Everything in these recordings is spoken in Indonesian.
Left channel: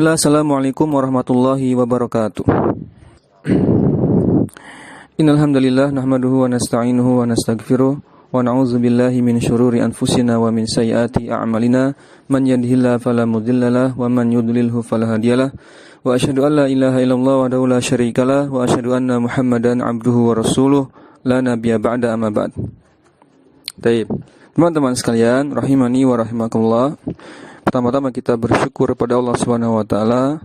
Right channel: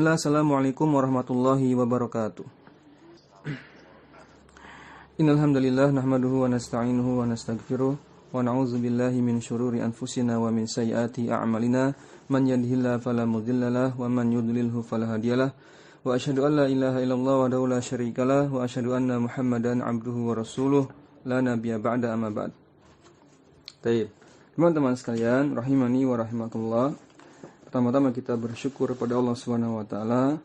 Bismillah, assalamualaikum warahmatullahi wabarakatuh. Innalhamdulillah nahmaduhu wa nasta'inuhu wa nastaghfiruh wa na'udzu billahi min syururi anfusina wa min sayyiati a'malina man yahdihillahu fala mudhillalah wa man yudlilhu fala hadiyalah wa asyhadu an la ilaha illallah wahdahu la syarikalah wa asyhadu anna Muhammadan abduhu wa rasuluh la nabiyya ba'da amma ba'd. Baik. Teman-teman sekalian, rahimani wa rahimakumullah. Pertama-tama kita bersyukur kepada Allah Subhanahu wa taala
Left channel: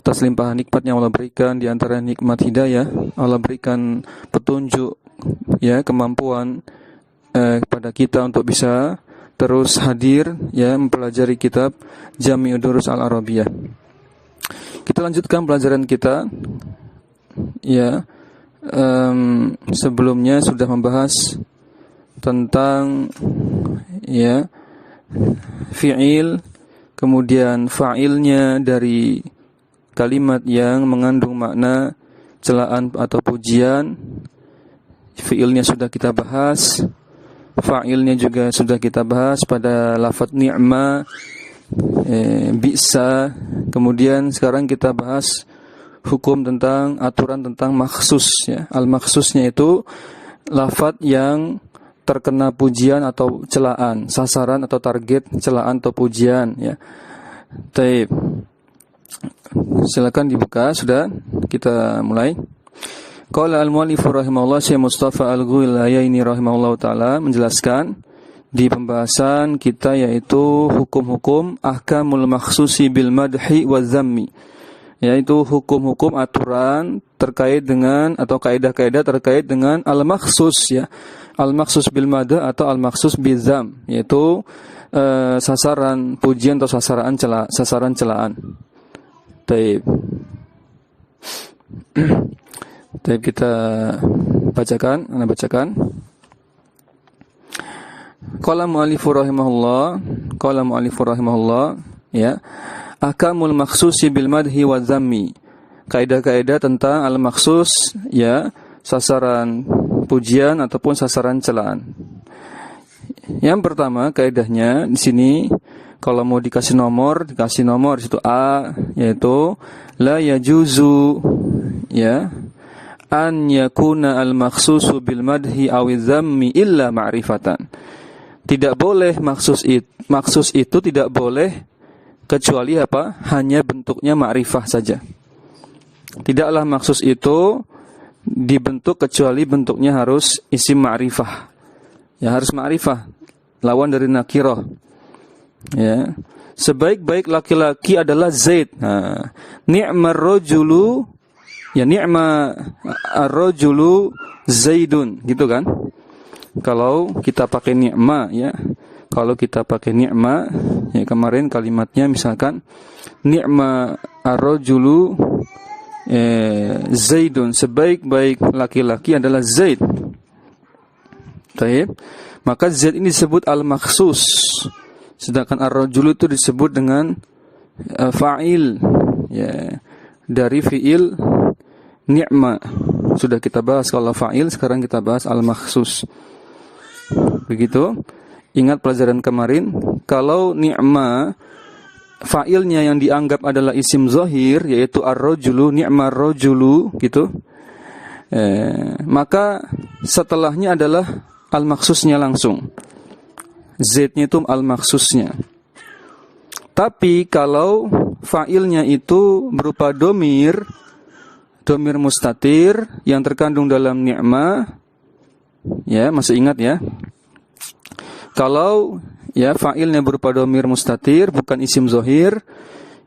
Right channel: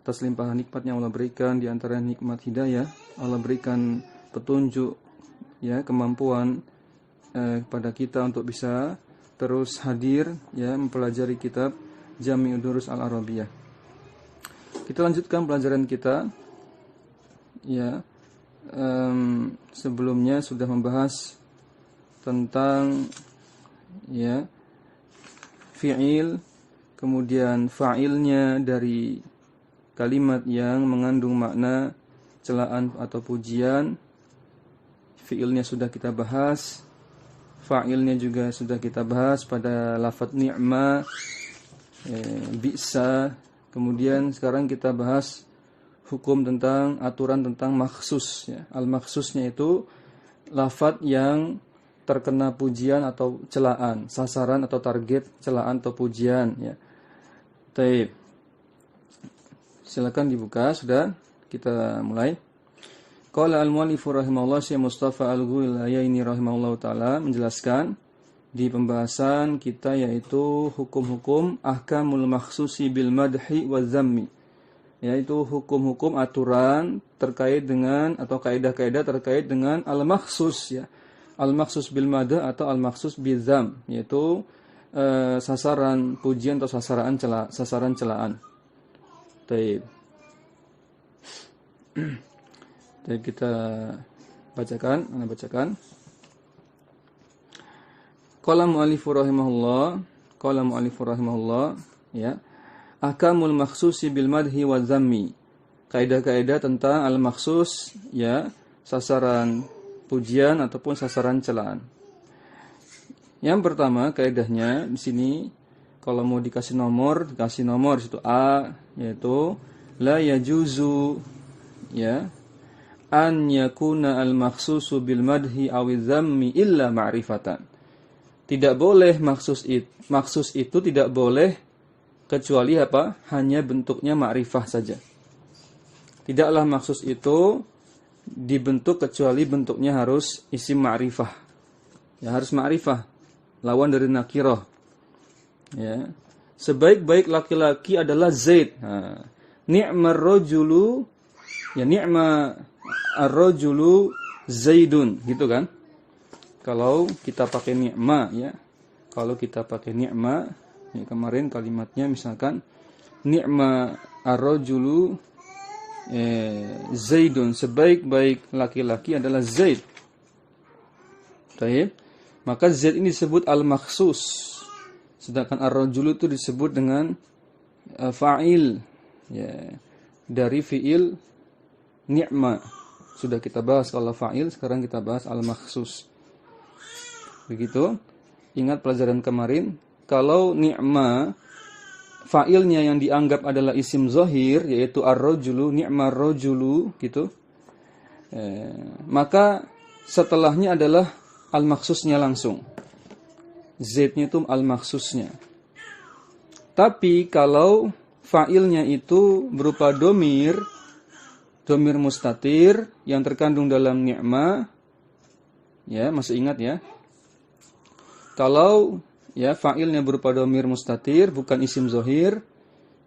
atas limpahan nikmat yang Allah berikan, di antara nikmat hidayah. Allah berikan petunjuk, kemampuan kepada kita untuk bisa terus hadir mempelajari kitab Jami'ud Durus Al-Arabiyah. Kita lanjutkan pelajaran kita. Sebelumnya sudah membahas tentang fi'il, kemudian fa'ilnya dari kalimat yang mengandung makna celaan atau pujian. Fi'ilnya sudah kita bahas, fa'ilnya juga sudah kita bahas pada lafadz ni'ma, bi'sa. Kemudian sekarang kita bahas hukum tentang aturan tentang makhsus. Al-makhsusnya itu lafadz yang terkena pujian atau celaan, sasaran atau target celaan atau pujian. Taib. Silakan dibuka, sudah kita mulai. Qala al-mu'allif rahimahullah, Syekh Mustafa Al-Ghulayaini rahimahullah taala menjelaskan di pembahasan kita, yaitu hukum-hukum ahkamul makhsusi bil madhi wa dzammi, yaitu hukum-hukum aturan terkait dengan atau kaidah-kaidah terkait dengan al-makhsus, al-makhsus bil madh atau al-makhsus bil dzam, yaitu sasaran pujian atau sasaran celaan. Taib. Taib, kita bacakan, Qala mu'allifur rahimahullah, ahkamul makhsusi bil madhi wa dzammi. Kaidah-kaidah tentang al-makhsus, sasaran pujian ataupun sasaran celaan. Yang pertama kaidahnya di sini, kalau mau dikasih nomor di situ A, yaitu la yajuzu an yakuna al-makhsusu bil madhi aw dzammi illa ma'rifatan. Tidak boleh makhsus itu tidak boleh kecuali apa? Hanya bentuknya ma'rifah saja. Tidaklah makhsus itu dibentuk kecuali bentuknya harus isim ma'rifah. Harus ma'rifah, lawan dari nakirah. Sebaik-baik laki-laki adalah Zaid. Ni'mar rajulu, ni'ma ar-rajulu Zaidun, gitu kan? Kalau kita pakai ni'ma, kalau kita pakai ni'ma, kemarin kalimatnya misalkan ni'ma ar-rajulu Zaidun, sebaik-baik laki-laki adalah Zaid. Baik. Maka Zaid ini disebut al-makhsus, sedangkan ar-rajulu itu disebut dengan fa'il, dari fi'il ni'ma. Sudah kita bahas kalau fa'il, sekarang kita bahas al-makhsus. Begitu. Ingat pelajaran kemarin, kalau ni'ma fa'ilnya yang dianggap adalah isim zahir, yaitu ar-rajulu, ni'mar rajulu, gitu. Maka setelahnya adalah al-makhsusnya langsung. Z-nya itu al-makhsusnya. Tapi kalau fa'ilnya itu berupa domir mustatir yang terkandung dalam ni'ma, masih ingat ya? Kalau fa'ilnya berupa domir mustatir, bukan isim zahir,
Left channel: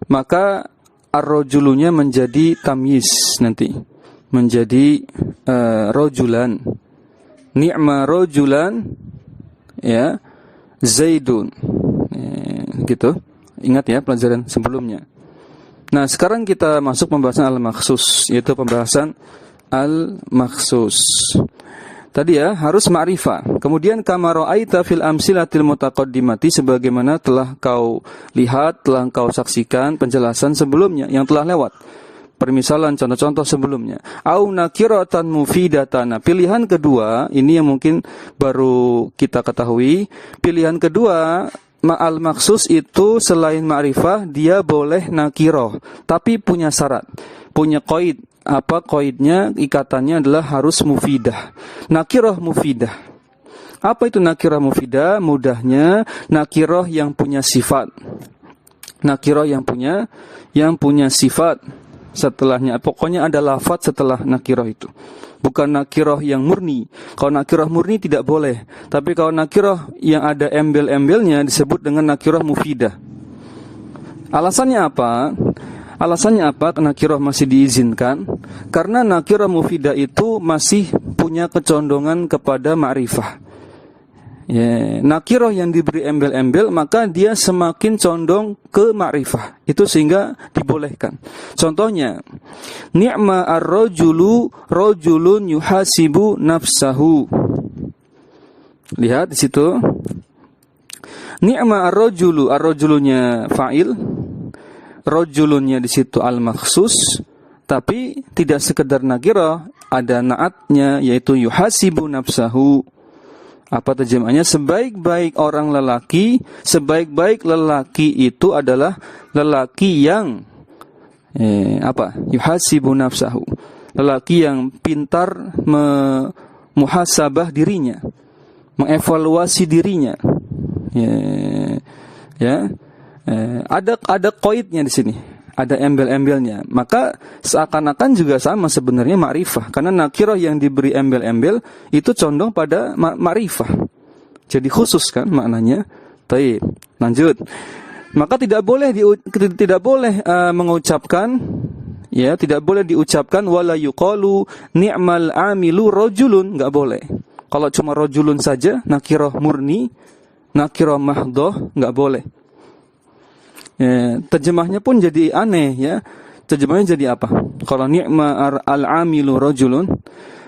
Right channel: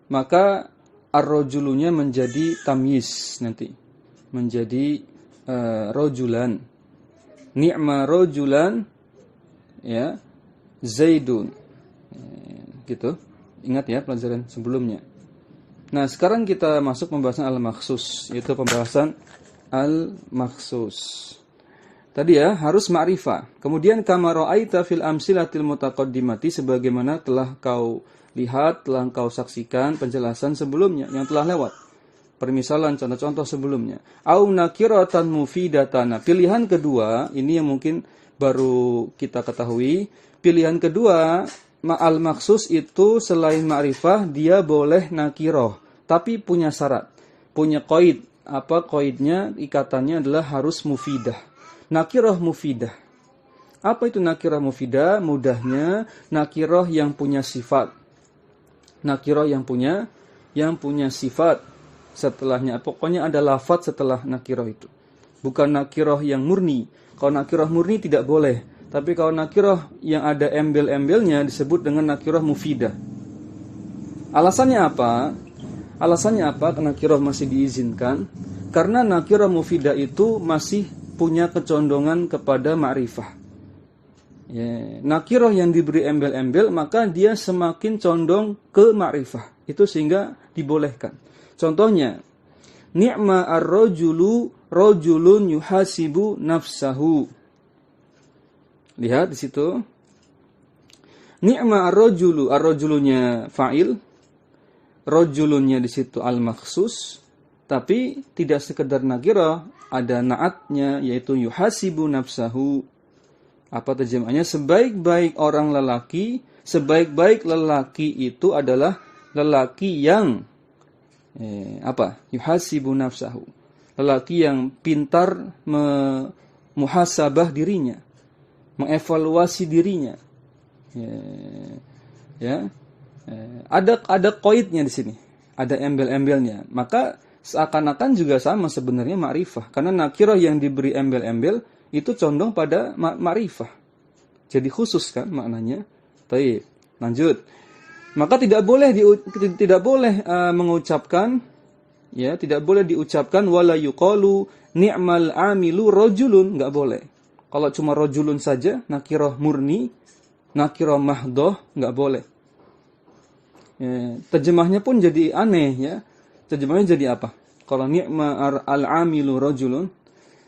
maka ar-rajulunya menjadi tamyiz nanti. Menjadi rajulan. Ni'ma rajulan, Zaidun. Gitu. Ingat ya pelajaran sebelumnya. Nah, sekarang kita masuk pembahasan al-makhsus, yaitu pembahasan al-makhsus. Tadi harus ma'rifah. Kemudian kama ra'aita fil amsilatil mutaqaddimati, sebagaimana telah kau lihat, telah kau saksikan penjelasan sebelumnya yang telah lewat. Permisalan contoh-contoh sebelumnya. Au nakiratan mufidatan. Pilihan kedua, ini yang mungkin baru kita ketahui. Pilihan kedua Ma'al maksus itu selain ma'rifah dia boleh nakiroh, tapi punya syarat, punya qaid. Apa qaidnya? Ikatannya adalah harus mufidah. Nakiroh mufidah. Apa itu nakiroh mufidah? Mudahnya nakiroh yang punya sifat. Nakiroh yang punya sifat. Setelahnya pokoknya ada lafadz setelah nakiroh itu. Bukan nakiroh yang murni. Kalau nakiroh murni tidak boleh. Tapi kalau nakiroh yang ada embel-embelnya disebut dengan nakiroh mufidah. Alasannya apa? Nakiroh masih diizinkan? Karena nakiroh mufidah itu masih punya kecondongan kepada ma'rifah. Ya, nakiroh yang diberi embel-embel maka dia semakin condong ke ma'rifah. Itu sehingga dibolehkan. Contohnya, ni'ma ar-rajulu rajulun yuhasibu nafsahu. Lihat di situ. Ni'ma ar-rajulu, ar-rajulunya fa'il, rajulunnya di situ al-makhsus, tapi tidak sekedar nakirah, ada naatnya yaitu yuhasibu nafsahu. Apa terjemahnya? Sebaik-baik orang lelaki, sebaik-baik lelaki itu adalah lelaki yang yuhasibu nafsahu. Lelaki yang pintar muhasabah dirinya, mengevaluasi dirinya. Ada qaidnya di sini. Ada embel-embelnya. Maka seakan-akan juga sama sebenarnya ma'rifah. Karena nakirah yang diberi embel-embel itu condong pada ma'rifah. Jadi khusus kan maknanya. Baik, lanjut. Maka tidak boleh mengucapkan, ya, tidak boleh diucapkan wala yuqalu ni'mal amilu rajulun, enggak boleh. Kalau cuma rajulun saja, nakirah murni, nakirah mahdhah, enggak boleh. Ya, terjemahnya pun jadi aneh ya. Terjemahnya jadi apa? Kalau ni'ma al-amilu rajulun,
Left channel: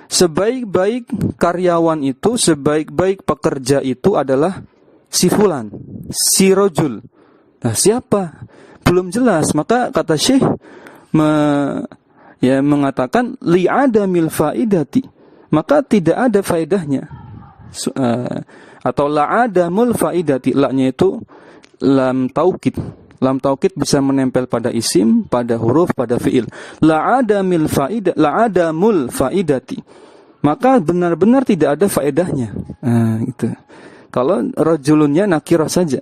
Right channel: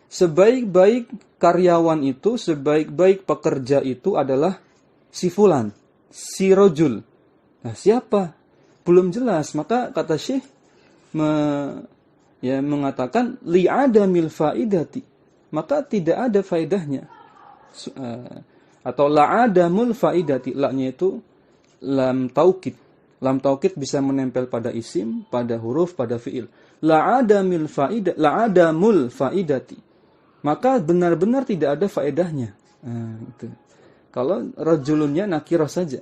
sebaik-baik karyawan itu, sebaik-baik pekerja itu adalah si fulan, si rajul. Nah, siapa? Belum jelas. Maka kata Syekh mengatakan li'adamil faidati. Maka tidak ada faedahnya. Atau la'adamul faidati. La-nya itu lam taukid. Lam taukid bisa menempel pada isim, pada huruf, pada fiil. La'adamul faidati. Maka benar-benar tidak ada faedahnya. Nah, itu. Kalau rajulunnya nakirah saja.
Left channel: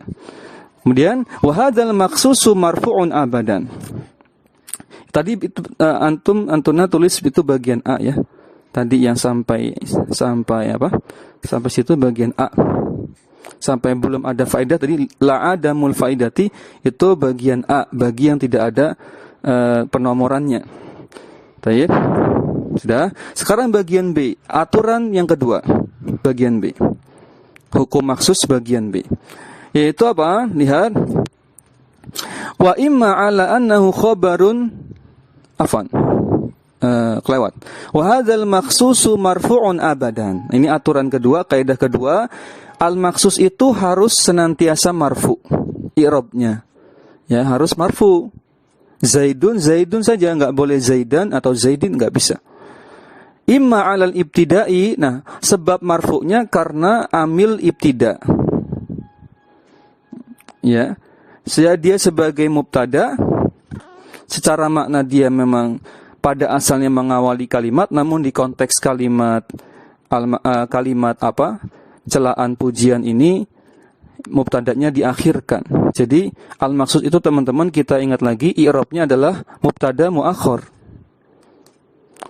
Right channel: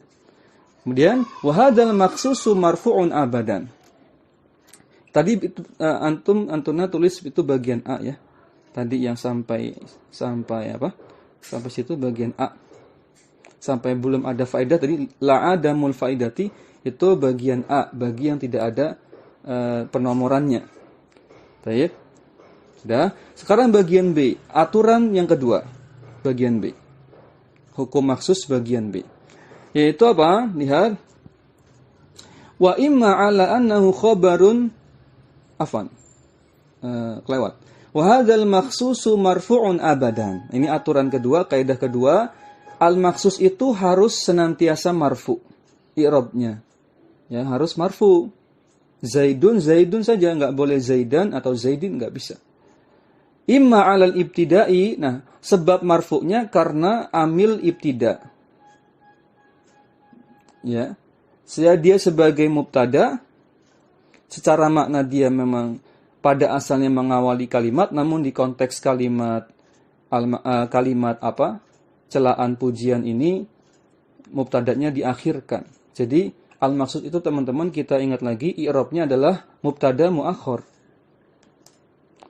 Kemudian wahadzal maqsusu marfu'un abadan. Tadi itu, antuna tulis itu bagian A ya. Tadi yang sampai apa? Sampai situ bagian A. Sampai belum ada faedah tadi la'adamul faidati itu bagian A, bagi yang tidak ada penomorannya. Baik. Sudah. Sekarang bagian B, aturan yang kedua. Bagian B. Hukum maksus bagian B. Yaitu apa? Lihat. Wa imma ala annahu khabarun kelewat. Wa hadzal maksusu marfu'un abadan. Ini aturan kedua, kaidah kedua. Al-maksus itu harus senantiasa marfu. I'rabnya. Ya, harus marfu. Zaidun saja, enggak boleh Zaidan atau Zaidin, enggak bisa. Imma 'alal ibtida'i. Nah, sebab marfu'nya karena amil ibtida. Ya. Dia sebagai mubtada, secara makna dia memang pada asalnya mengawali kalimat, namun di konteks kalimat celaan pujian ini mubtada'nya diakhirkan. Jadi al-maksud itu teman-teman kita ingat lagi i'rabnya adalah mubtada muakhar.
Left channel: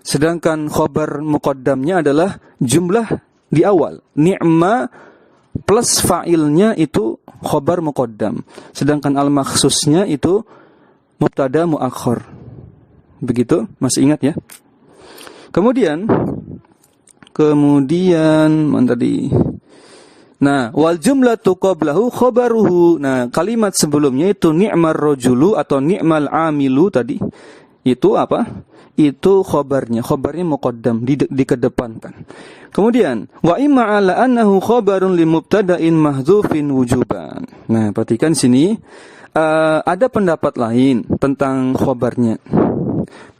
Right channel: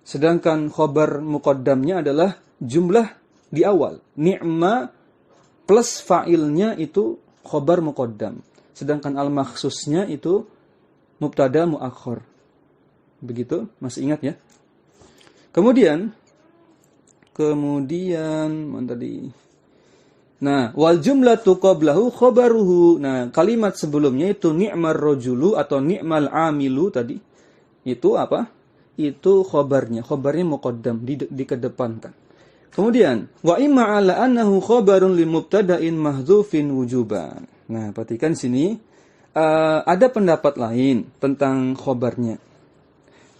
Sedangkan khabar muqaddamnya adalah jumlah di awal. Ni'ma plus fa'ilnya itu khabar muqaddam. Sedangkan al-maksusnya itu mubtada muakhar. Begitu? Masih ingat ya? Kemudian mana tadi? Nah, wal jumlatu qablahu khabaruhu. Nah, kalimat sebelumnya itu ni'mar rajulu atau ni'mal amilu tadi. Itu apa? Itu khabarnya. Khabarnya muqaddam, dikedepankan. Kemudian, wa imma ala annahu khabarun li mubtada'in mahdzufin wujuban. Nah, perhatikan sini. Ada pendapat lain tentang khabarnya.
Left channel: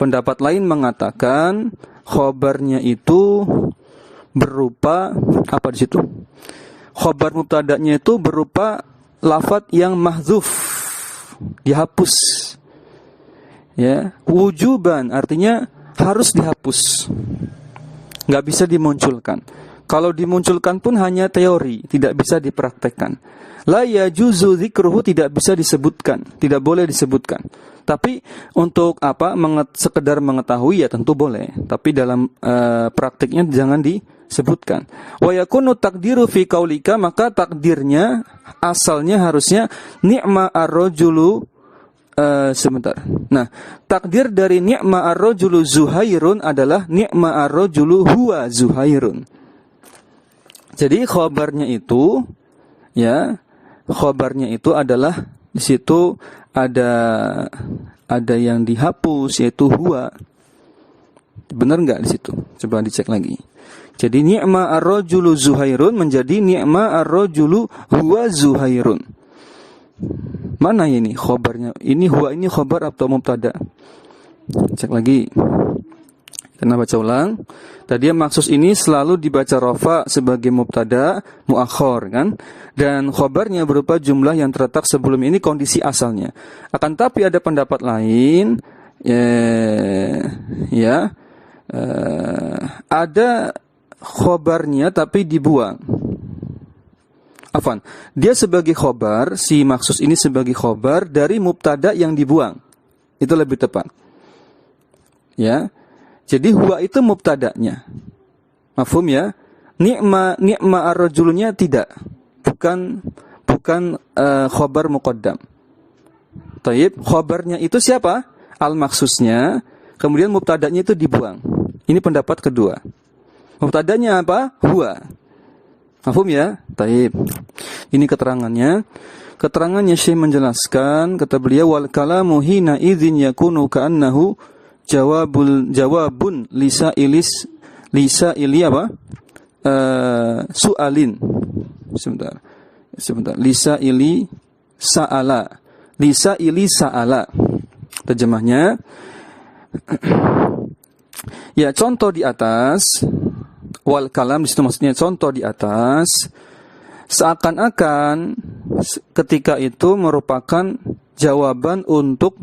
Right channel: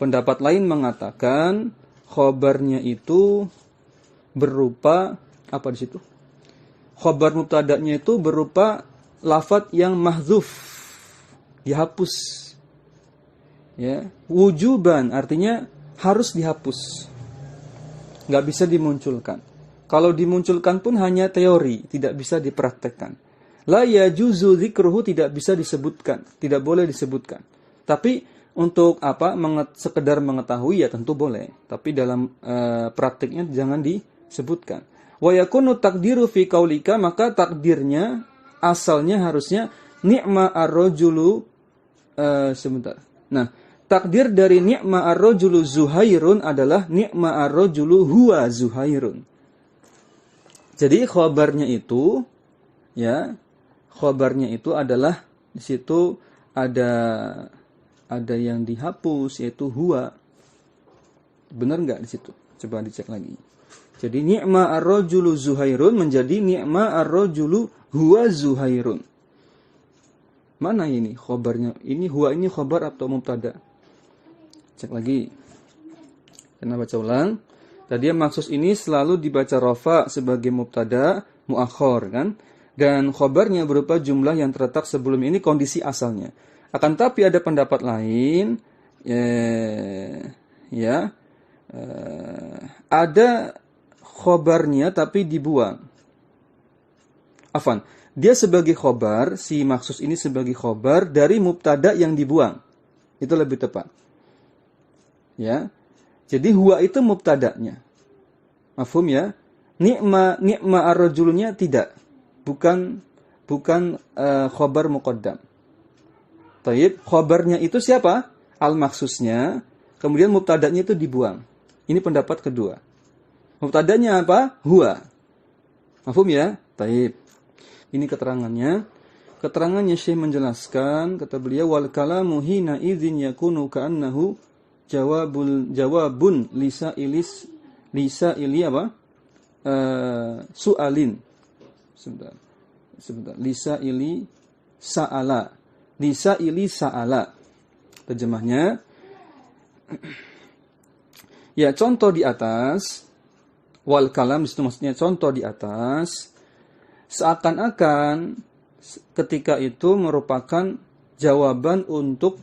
Pendapat lain mengatakan khabarnya itu berupa apa di situ? Khabar mubtada'nya itu berupa lafadz yang mahdzuf, dihapus. Ya, wujuban artinya harus dihapus. Enggak bisa dimunculkan. Kalau dimunculkan pun hanya teori, tidak bisa dipraktekkan. La yajuzu dzikruhu, tidak bisa disebutkan, tidak boleh disebutkan. Tapi untuk sekedar mengetahui ya tentu boleh, tapi dalam praktiknya jangan disebutkan. Wa yakunu taqdiru fi qaulika, maka takdirnya asalnya harusnya ni'ma ar-rajulu. Sebentar. Nah, takdir dari ni'ma ar-rajulu Zuhairun adalah ni'ma ar-rajulu huwa Zuhairun. Jadi khabarnya itu adalah di situ ada yang dihapus, yaitu huwa. Benar enggak di situ? Coba dicek lagi. Jadi ni'ma ar-rajulu Zuhairun menjadi ni'ma ar-rajulu huwa Zuhairun. Mana ini khabarnya? Ini huwa ini khabar atau mubtada? Cek lagi. Kita baca ulang. Tadi maksus ini selalu dibaca rafa sebagai mubtada muakhar kan? Dan khabarnya berupa jumlah yang terletak sebelum ini kondisi asalnya. Akan tapi ada pendapat lain ada khabarnya tapi dibuang. Dia sebagai khobar, si maksus ini sebagai khobar dari mubtada yang dibuang. Itu lebih tepat. Ya. Jadi huwa itu mubtadanya. Mafhum ya? Ni'ma ar-rajulnya tidak. Bukan khobar muqaddam. Taib, khobarnya itu siapa? Al-maksusnya, kemudian mubtadanya itu dibuang. Ini pendapat kedua. Mubtadanya apa? Huwa. Mafhum ya? Taib. Ini keterangannya. Keterangannya Syekh menjelaskan, kata beliau, wal kalamu hina idzin yakunu ka'annahu jawabun lisa ili apa? Su'alin. Sebentar. Lisa ili sa'ala. Terjemahnya, ya contoh di atas, wal kalam di situ maksudnya contoh di atas, seakan-akan ketika itu merupakan jawaban untuk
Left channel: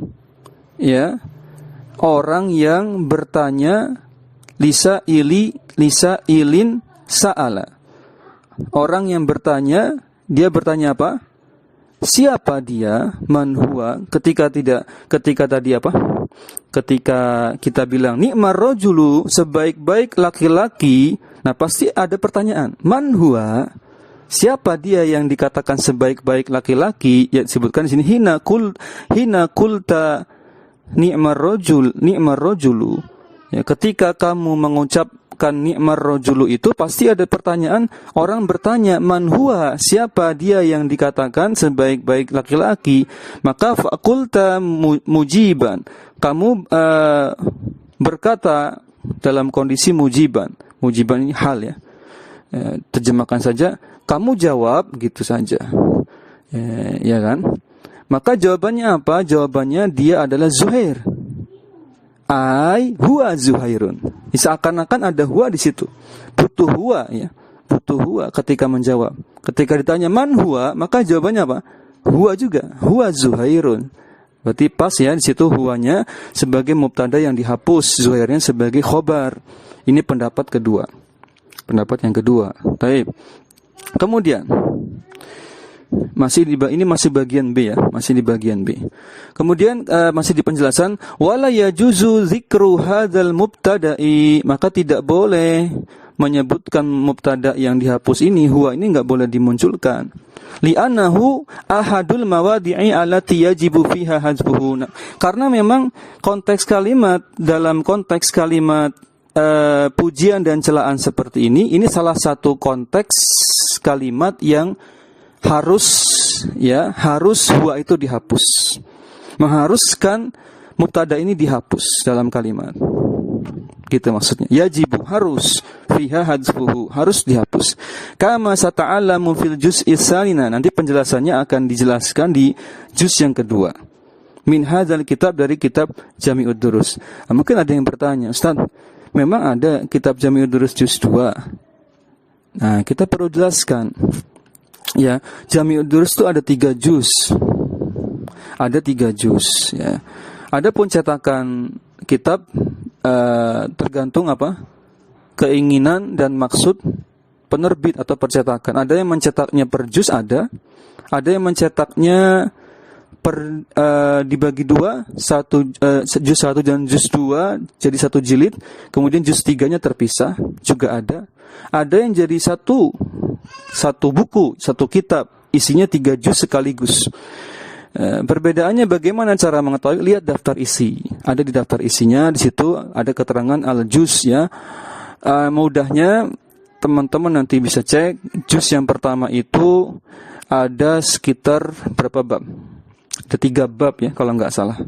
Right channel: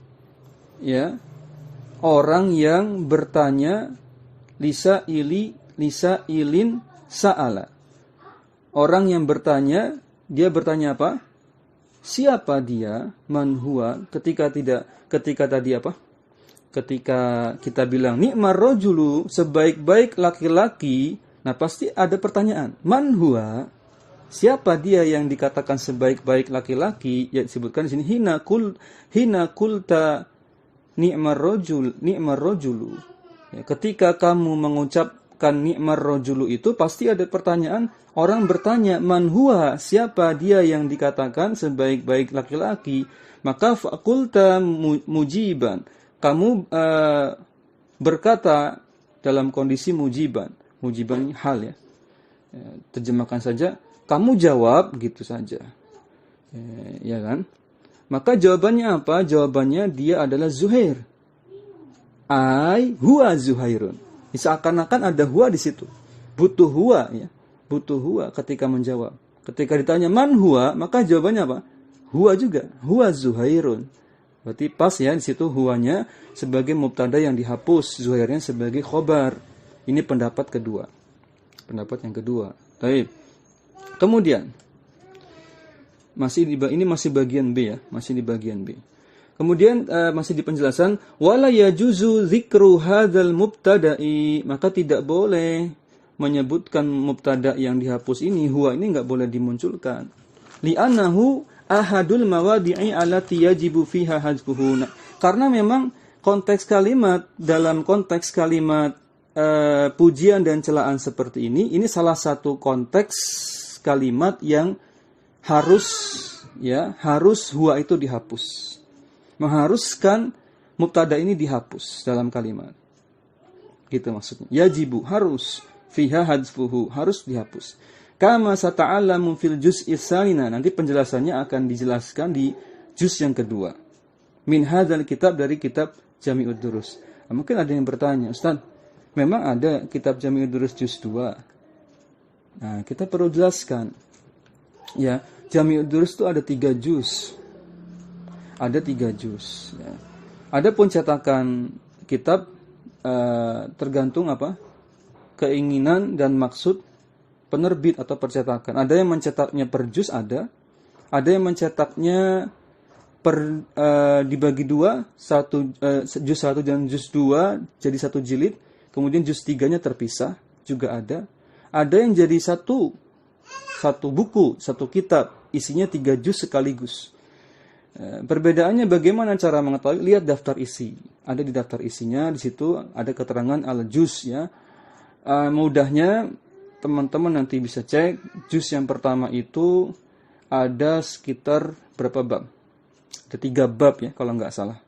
orang yang bertanya lisa ilin sa'ala. Orang yang bertanya, dia bertanya apa? Siapa dia? Man huwa? Ketika kita bilang ni'mar rajulu, sebaik-baik laki-laki, nah pasti ada pertanyaan. Man huwa? Siapa dia yang dikatakan sebaik-baik laki-laki? Ya disebutkan di sini hina kulta ni'mar rajulu. Ya, ketika kamu mengucapkan ni'mar rajulu itu pasti ada pertanyaan, orang bertanya man huwa? Siapa dia yang dikatakan sebaik-baik laki-laki? Maka faqulta mujiban. Kamu berkata dalam kondisi mujiban. Mujiban ini hal ya. Terjemahkan saja, kamu jawab gitu saja. Ya kan? Maka jawabannya apa? Jawabannya dia adalah Zuhair. Huwa Zuhairun. Seakan-akan ada huwa di situ. Butuh huwa ya. Butuh huwa ketika menjawab. Ketika ditanya man huwa, maka jawabannya apa? Huwa juga. Huwa Zuhairun. Berarti pas ya di situ huwanya sebagai mubtada yang dihapus, Zuhairnya sebagai khobar. Ini pendapat kedua. Pendapat yang kedua. Baik. Kemudian ini masih bagian B ya, masih di bagian B. Kemudian masih di penjelasan wala yajuzu dzikru hadzal mubtada'i, maka tidak boleh menyebutkan mubtada yang dihapus ini, huwa ini enggak boleh dimunculkan. Li'annahu ahadul mawadi'i allati yajibu fiha hadzfuhu. Karena memang konteks kalimat, dalam konteks kalimat pujian dan celaan seperti ini salah satu konteks kalimat yang harus huwa itu dihapus. Mengharuskan mubtada ini dihapus dalam kalimat. Gitu maksudnya. Yajibu, harus, fiha hadzfuhu, harus dihapus. Kama sata'alamu fil juz'is salina. Nanti penjelasannya akan dijelaskan di juz yang kedua. Min hadzal kitab, dari kitab Jami'ud Durus. Nah, mungkin ada yang bertanya, Ustaz, memang ada kitab Jami'ud Durus juz 2. Nah, kita perlu jelaskan. Ya, Jami'ud Durus itu ada 3 juz. Ada 3 juz ya. Adapun cetakan kitab tergantung apa? Keinginan dan maksud penerbit atau percetakan. Ada yang mencetaknya per juz, ada yang mencetaknya dibagi 2, juz 1 dan juz 2 jadi 1 jilid, kemudian juz 3-nya terpisah, juga ada. Ada yang jadi satu buku, satu kitab, isinya 3 juz sekaligus. Perbedaannya bagaimana cara mengetahui? Lihat daftar isi. Ada di daftar isinya, di situ ada keterangan al-juz ya. Mudahnya teman-teman nanti bisa cek juz yang pertama itu ada sekitar berapa bab? Ada 3 bab ya kalau nggak salah.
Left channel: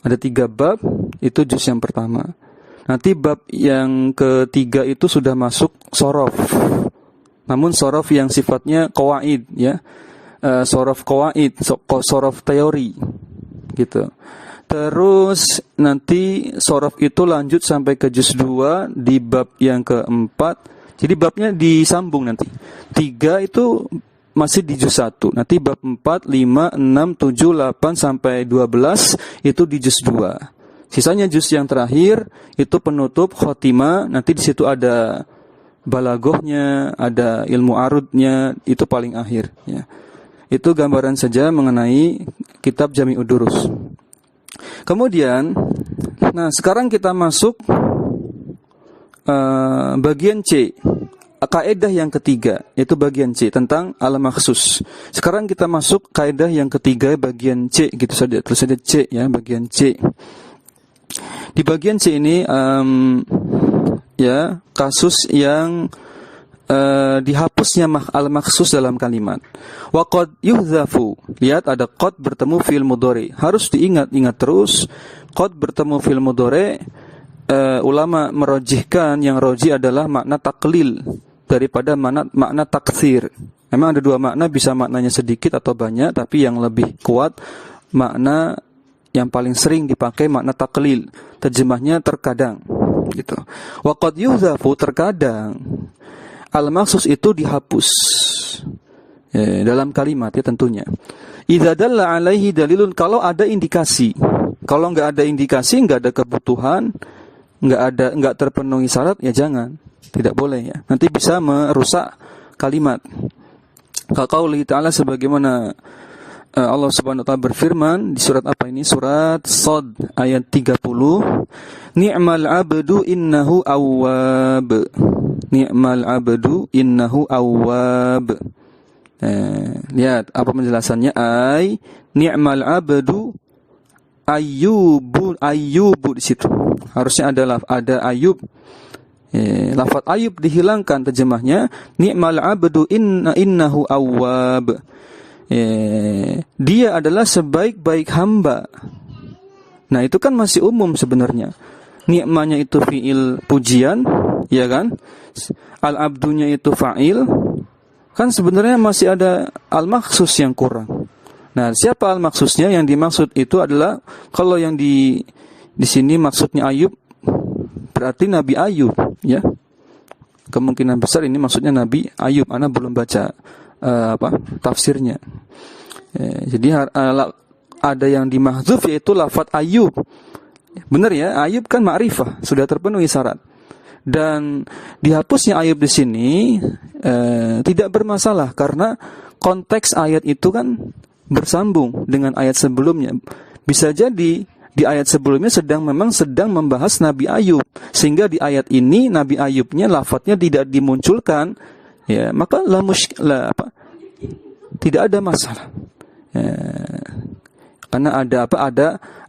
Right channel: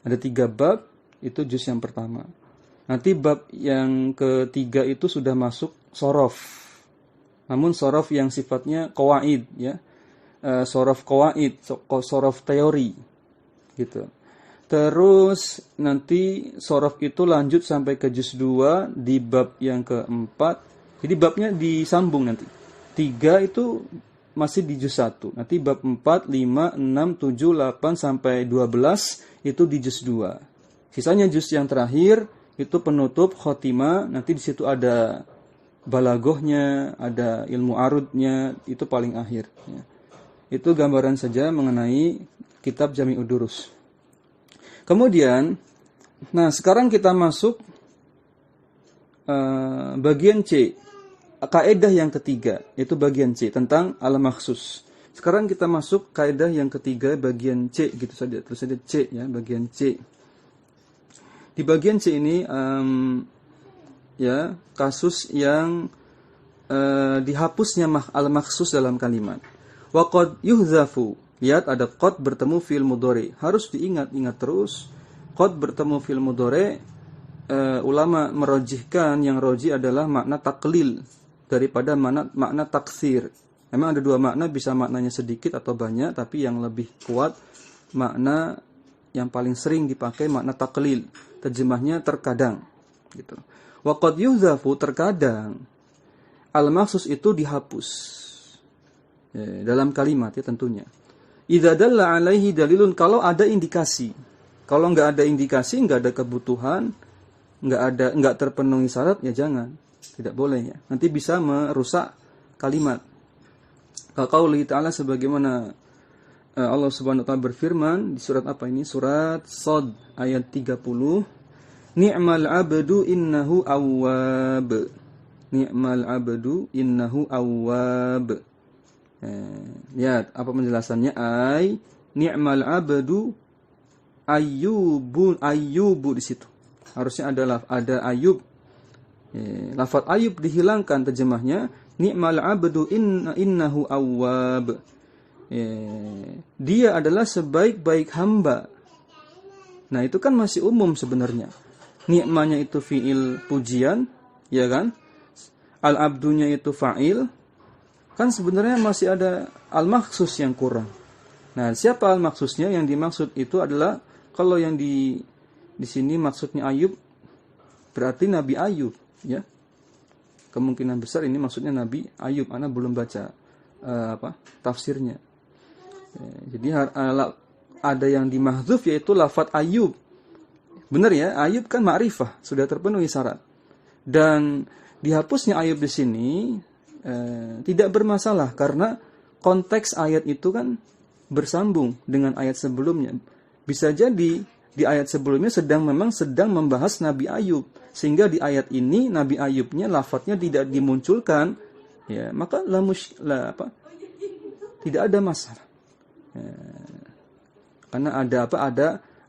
Ada 3 bab, itu juz yang pertama. Nanti bab yang ketiga itu sudah masuk sorof. Namun sorof yang sifatnya qawaid ya. Sorof qawaid, sorof teori gitu. Terus nanti sorof itu lanjut sampai ke juz 2 di bab yang keempat. Jadi babnya disambung nanti. 3 itu masih di juz 1. Nanti bab 4, 5, 6, 7, 8 sampai 12 itu di juz 2. Sisanya juz yang terakhir itu penutup khotimah. Nanti di situ ada balagohnya, ada ilmu arudnya, itu paling akhir ya. Itu gambaran saja mengenai kitab Jami'ud Durus. Kemudian, nah sekarang kita masuk bagian C, kaidah yang ketiga, yaitu bagian C tentang al-makhsus. Sekarang kita masuk kaidah yang ketiga bagian C, gitu saja, terus ada C ya, bagian C. Di bagian C ini ya kasus yang dihapusnya al-makhsus dalam kalimat. Wa qad yuhdhafu. Lihat ada qad bertemu fi'il mudhari. Harus diingat terus qad bertemu fi'il mudhari. Ulama merojihkan yang roji adalah makna taklil daripada makna taktsir. Memang ada 2 makna, bisa maknanya sedikit atau banyak, tapi yang lebih kuat makna yang paling sering dipakai makna taklil. Terjemahnya terkadang gitu. Wa qad yuhdhafu, terkadang al-makhsus itu dihapus dalam kalimat ya tentunya. Idza dalla alaihi dalilun, kalau ada indikasi. Kalau enggak ada indikasi, enggak ada kebutuhan, enggak terpenuhi syarat, ya jangan. Tidak boleh ya. Nanti bisa merusak kalimat. Qauli ta'ala, sebagaimana Allah Subhanahu wa taala berfirman di surat apa ini? Surat Shad ayat 30. Ni'mal 'abdu innahu awwab. Ni'mal 'abdu innahu awwab. Lihat apa penjelasannya. Ni'mal 'abdu ayyubu di situ. Harusnya ada Ayub. Lafaz Ayub dihilangkan, terjemahnya ni'mal 'abdu innahu awwab. Dia adalah sebaik-baik hamba. Nah, itu kan masih umum sebenarnya. Ni'manya itu fi'il pujian, ya kan? Al-abdunya itu fa'il. Kan sebenarnya masih ada al-makhsus yang kurang. Nah, siapa al-makhsusnya? Yang dimaksud itu adalah, kalau yang di sini maksudnya Ayub, berarti Nabi Ayub, ya. Kemungkinan besar ini maksudnya Nabi Ayub. Ana belum baca tafsirnya. Jadi ada yang dimahdzuf, yaitu lafaz Ayub. Benar ya, Ayub kan ma'rifah, sudah terpenuhi syarat. Dan dihapusnya Ayub di sini tidak bermasalah, karena konteks ayat itu kan bersambung dengan ayat sebelumnya. Bisa jadi di ayat sebelumnya memang sedang membahas Nabi Ayub, sehingga di ayat ini Nabi Ayubnya lafadznya tidak dimunculkan, ya, maka tidak ada masalah. Karena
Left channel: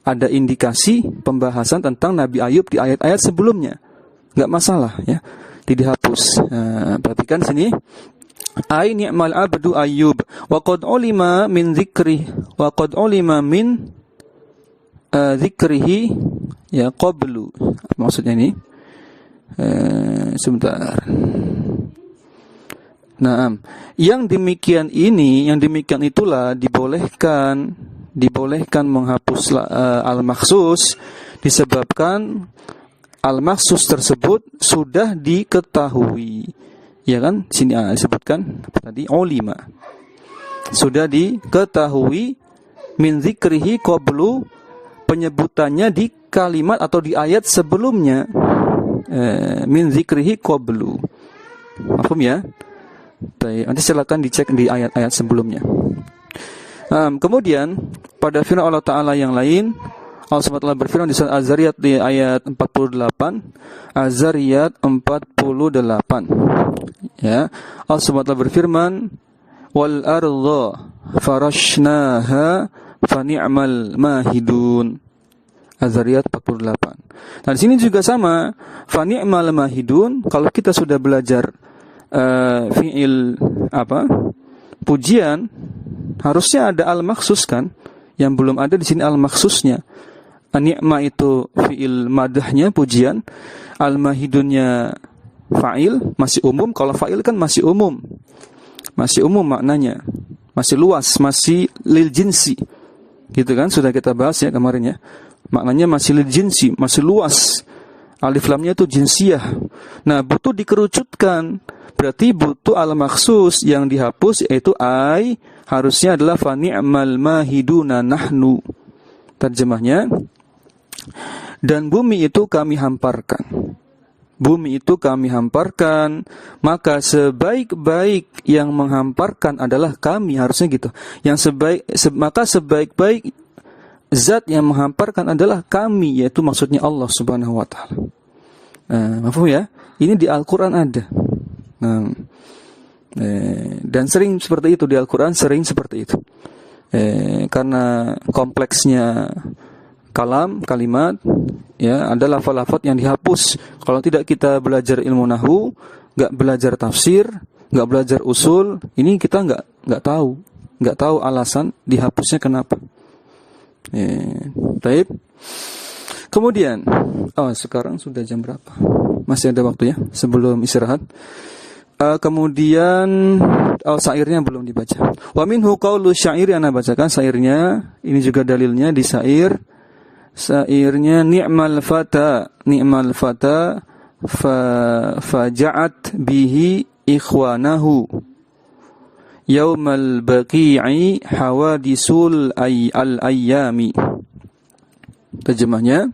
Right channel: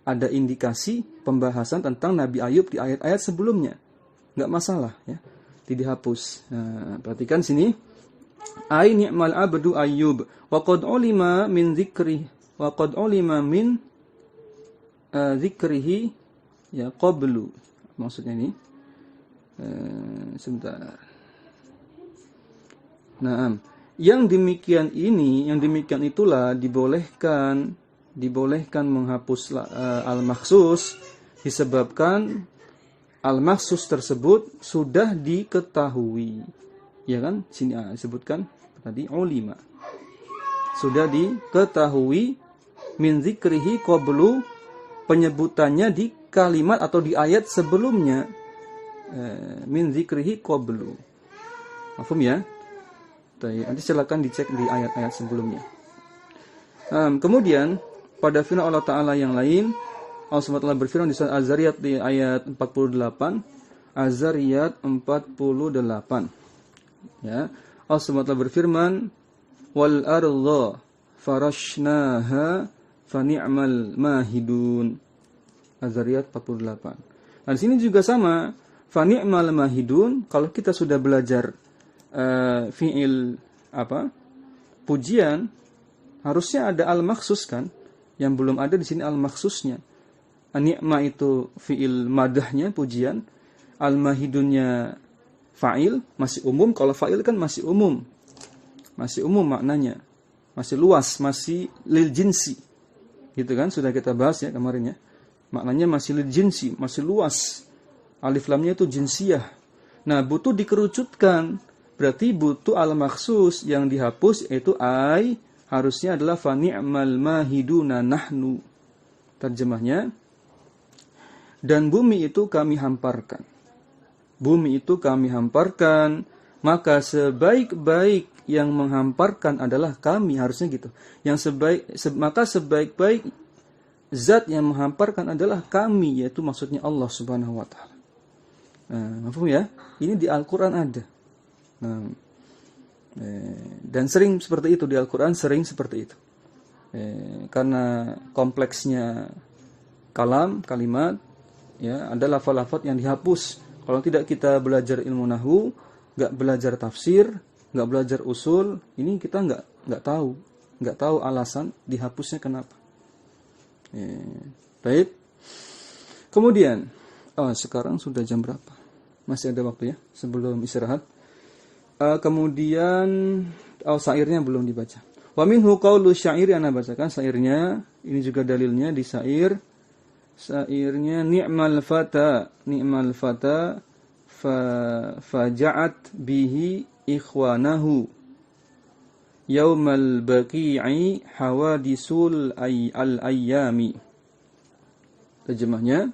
ada indikasi pembahasan tentang Nabi Ayub di ayat-ayat sebelumnya. Enggak masalah ya. Tidak hapus. Perhatikan sini. Ai ni'mal abdu Ayyub wa qad ulima min dzikri wa qad ulima min dzikrihi ya qablu. Maksudnya ini sebentar. Nah, yang demikian itulah dibolehkan menghapus al-makhsus disebabkan al-makhsus tersebut sudah diketahui. Ya kan? Sini disebutkan tadi ulima. sudah diketahui min dzikrihi qablu, penyebutannya di kalimat atau di ayat sebelumnya. Min dzikrihi qablu. Paham ya? Baik, nanti silakan dicek di ayat-ayat sebelumnya. Kemudian pada firman Allah Ta'ala yang lain, Allah SWT berfirman di surat Az-Zariyat di ayat 48. Az-Zariyat 48. Ya, Allah SWT berfirman, wal arda farashnaha fani'mal mahidun. Az-Zariyat 48. Nah, di sini juga sama, fani'mal mahidun. Kalau kita sudah belajar fi'il pujian, harusnya ada al-makhsus kan? Yang belum ada di sini al-makhsusnya. Ni'ma itu fi'il madahnya, pujian. Al-mahidunnya fa'il, masih umum. Kalau fa'il kan masih umum. Masih umum maknanya. Masih luas, masih lil jinsi. Gitu kan? Sudah kita bahas ya kemarin ya. Maknanya masih lil jinsi, masih luas. Alif lamnya itu jinsiyah. Nah, butuh dikerucutkan. Berarti butuh al-makhsus yang dihapus, yaitu ai, harusnya adalah fa ni'mal mahiduna nahnu. Terjemahnya, dan bumi itu kami hamparkan. Bumi itu kami hamparkan, maka sebaik-baik yang menghamparkan adalah kami, harusnya gitu. Maka sebaik-baik zat yang menghamparkan adalah kami, yaitu maksudnya Allah Subhanahu wa taala. Mafhum ya? Ini di Al-Qur'an ada. Dan sering seperti itu di Al-Quran, sering seperti itu. Karena kompleksnya kalimat, ya, ada lafaz-lafaz yang dihapus. Kalau tidak kita belajar ilmu nahwu, nggak belajar tafsir, nggak belajar usul, ini kita nggak tahu alasan dihapusnya kenapa. Baik. Kemudian, sekarang sudah jam berapa? Masih ada waktu ya sebelum istirahat. Kemudian syairnya belum dibaca. Wa minhu qaulu syair, yang ana bacakan syairnya. Ini juga dalilnya di syair. Syairnya ni'mal fata faja'at bihi ikhwanahu yaumal baqi'i hawadisul al-ayyami. Terjemahnya,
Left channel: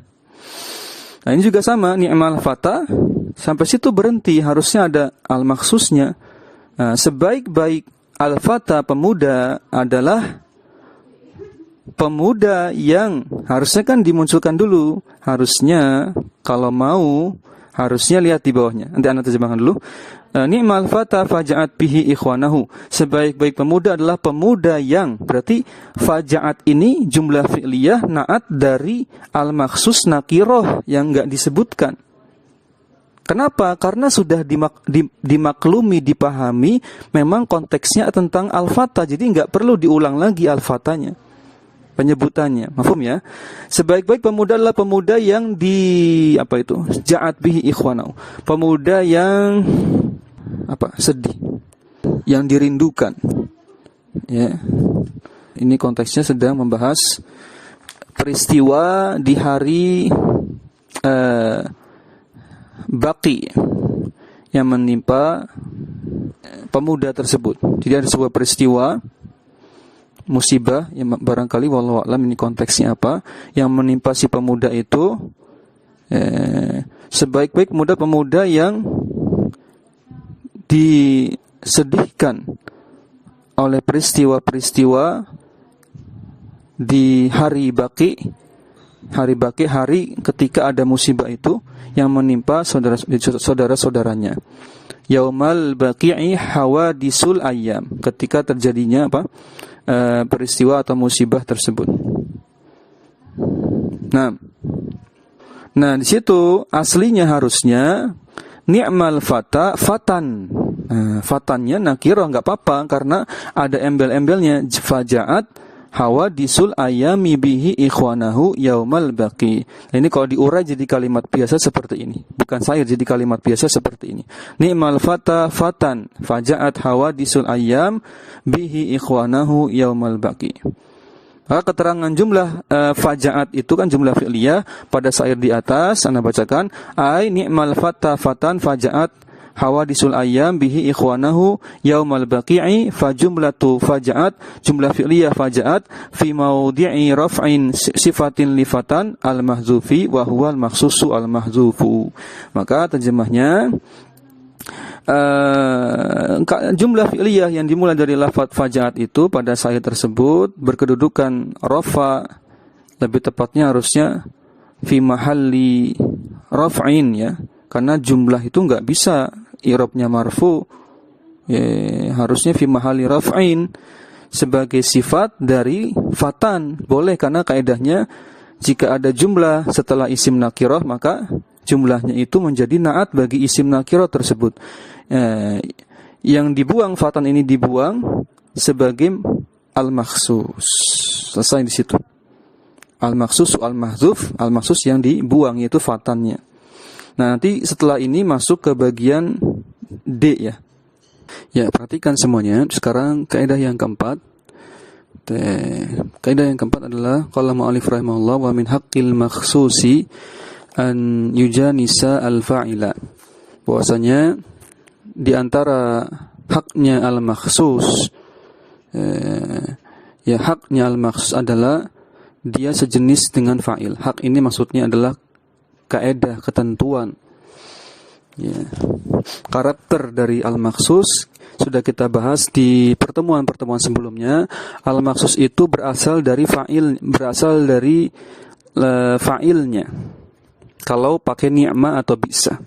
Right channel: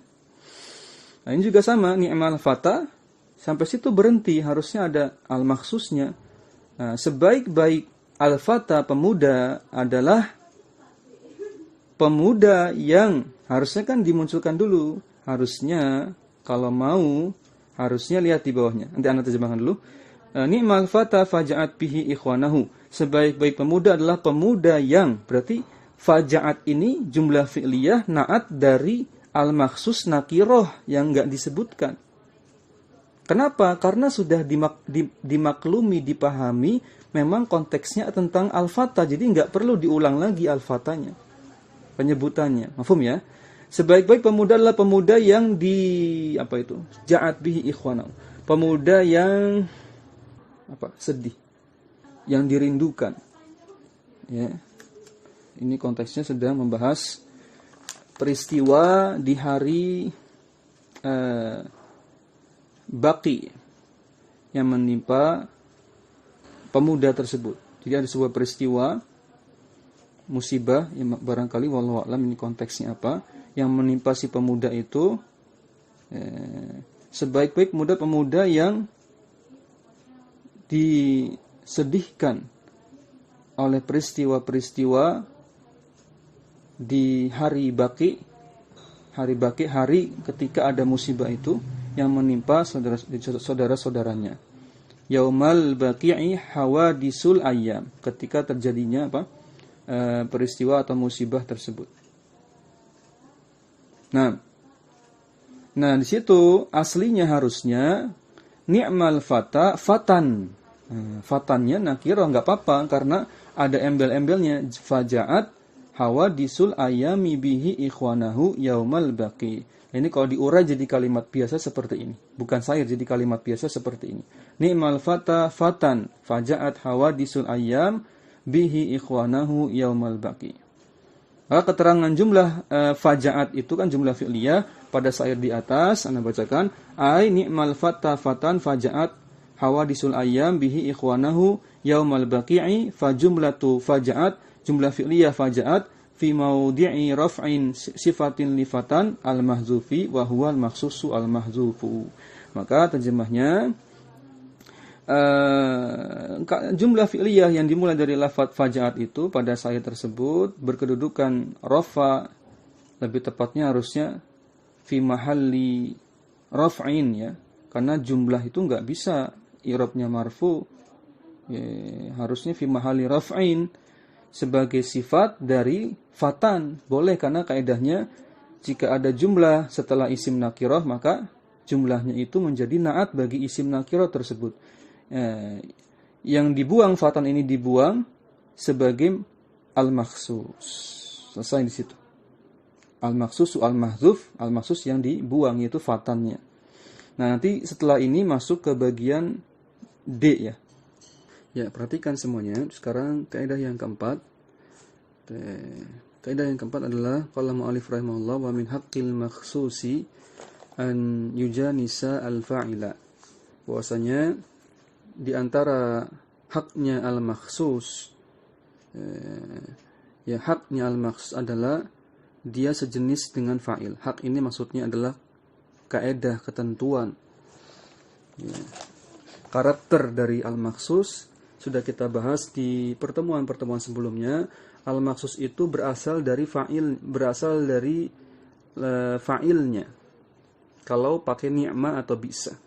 nah ini juga sama, ni'mal fata, sampai situ berhenti, harusnya ada al-makhsusnya. Nah, sebaik-baik al-fata, pemuda, adalah pemuda yang harusnya kan dimunculkan dulu. Harusnya kalau mau, harusnya lihat di bawahnya. Nanti anda terjemahkan dulu. Ni'mal fata faja'at bihi ikhwanahu. Sebaik-baik pemuda adalah pemuda yang, berarti faja'at ini jumlah fi'liyah na'at dari al-makhsus nakiroh yang enggak disebutkan. Kenapa? Karena sudah dimaklumi, dipahami, memang konteksnya tentang al-fata, jadi enggak perlu diulang lagi al-fatanya, penyebutannya. Mafhum ya? Sebaik-baik pemuda adalah pemuda yang ja'at bihi ikhwanahu. Pemuda yang sedih, yang dirindukan. Ya. Ini konteksnya sedang membahas peristiwa di hari Baqi yang menimpa pemuda tersebut. Jadi ada sebuah peristiwa musibah yang barangkali wallahu a'lam ini konteksnya apa yang menimpa si pemuda itu. Sebaik-baik pemuda yang disedihkan oleh peristiwa-peristiwa di hari Baqi, hari ketika ada musibah itu yang menimpa saudara-saudaranya. Yaumal baqi'i hawadisul ayyam, ketika terjadinya peristiwa atau musibah tersebut. Nah di situ aslinya harusnya ni'mal fata fatan. Fatannya nakirah, enggak apa-apa karena ada embel-embelnya. Faja'at hawadisul ayami bihi ikhwanahu yaumal baqi. Nah, ini kalau diurai jadi kalimat biasa seperti ini. Bukan syair, jadi kalimat biasa seperti ini. Ni'mal fata fatan faja'at hawadisul ayam bihi ikhwanahu yaumal baqi. Maka keterangan jumlah faja'at itu kan jumlah fi'liyah pada syair di atas, Anda bacakan ai ni'mal fata fatan faja'at hawadisul ayyam bihi ikhwanahu yaumal baqi'i fajumlatu faja'at jumlah fi'liyah faja'at fi mawdi'i raf'in sifatin lifatan al-mahzufi wa huwa al-makhsusu al-mahzufu. Maka terjemahnya jumlah fi'liyah yang dimulai dari lafaz faja'at itu pada saat tersebut berkedudukan rafa, lebih tepatnya harusnya fi mahalli raf'in ya, karena jumlah itu enggak bisa i'rabnya marfu ya, harusnya fi mahalli raf'in sebagai sifat dari fatan. Boleh karena kaidahnya jika ada jumlah setelah isim nakirah maka jumlahnya itu menjadi naat bagi isim nakirah tersebut. Yang dibuang fatan ini dibuang sebagai al-makhsus. Selesai di situ. Al-makhsus al-mahzuf yang dibuang yaitu fatannya. Nah, nanti setelah ini masuk ke bagian D ya. Ya, perhatikan semuanya. Sekarang kaidah yang keempat. Kaidah yang keempat adalah qala mu'allif rahimahullah wa min haqqil makhsusi an yujanisa al-fa'ila. Bahwasanya di antara haknya al-makhsus haknya al-makhsus adalah dia sejenis dengan fa'il. Hak ini maksudnya adalah kaidah, ketentuan. Ya. Karakter dari al-makhsus sudah kita bahas di pertemuan-pertemuan sebelumnya. Al-makhsus itu berasal dari fa'ilnya. Kalau pakai ni'ma atau bisa.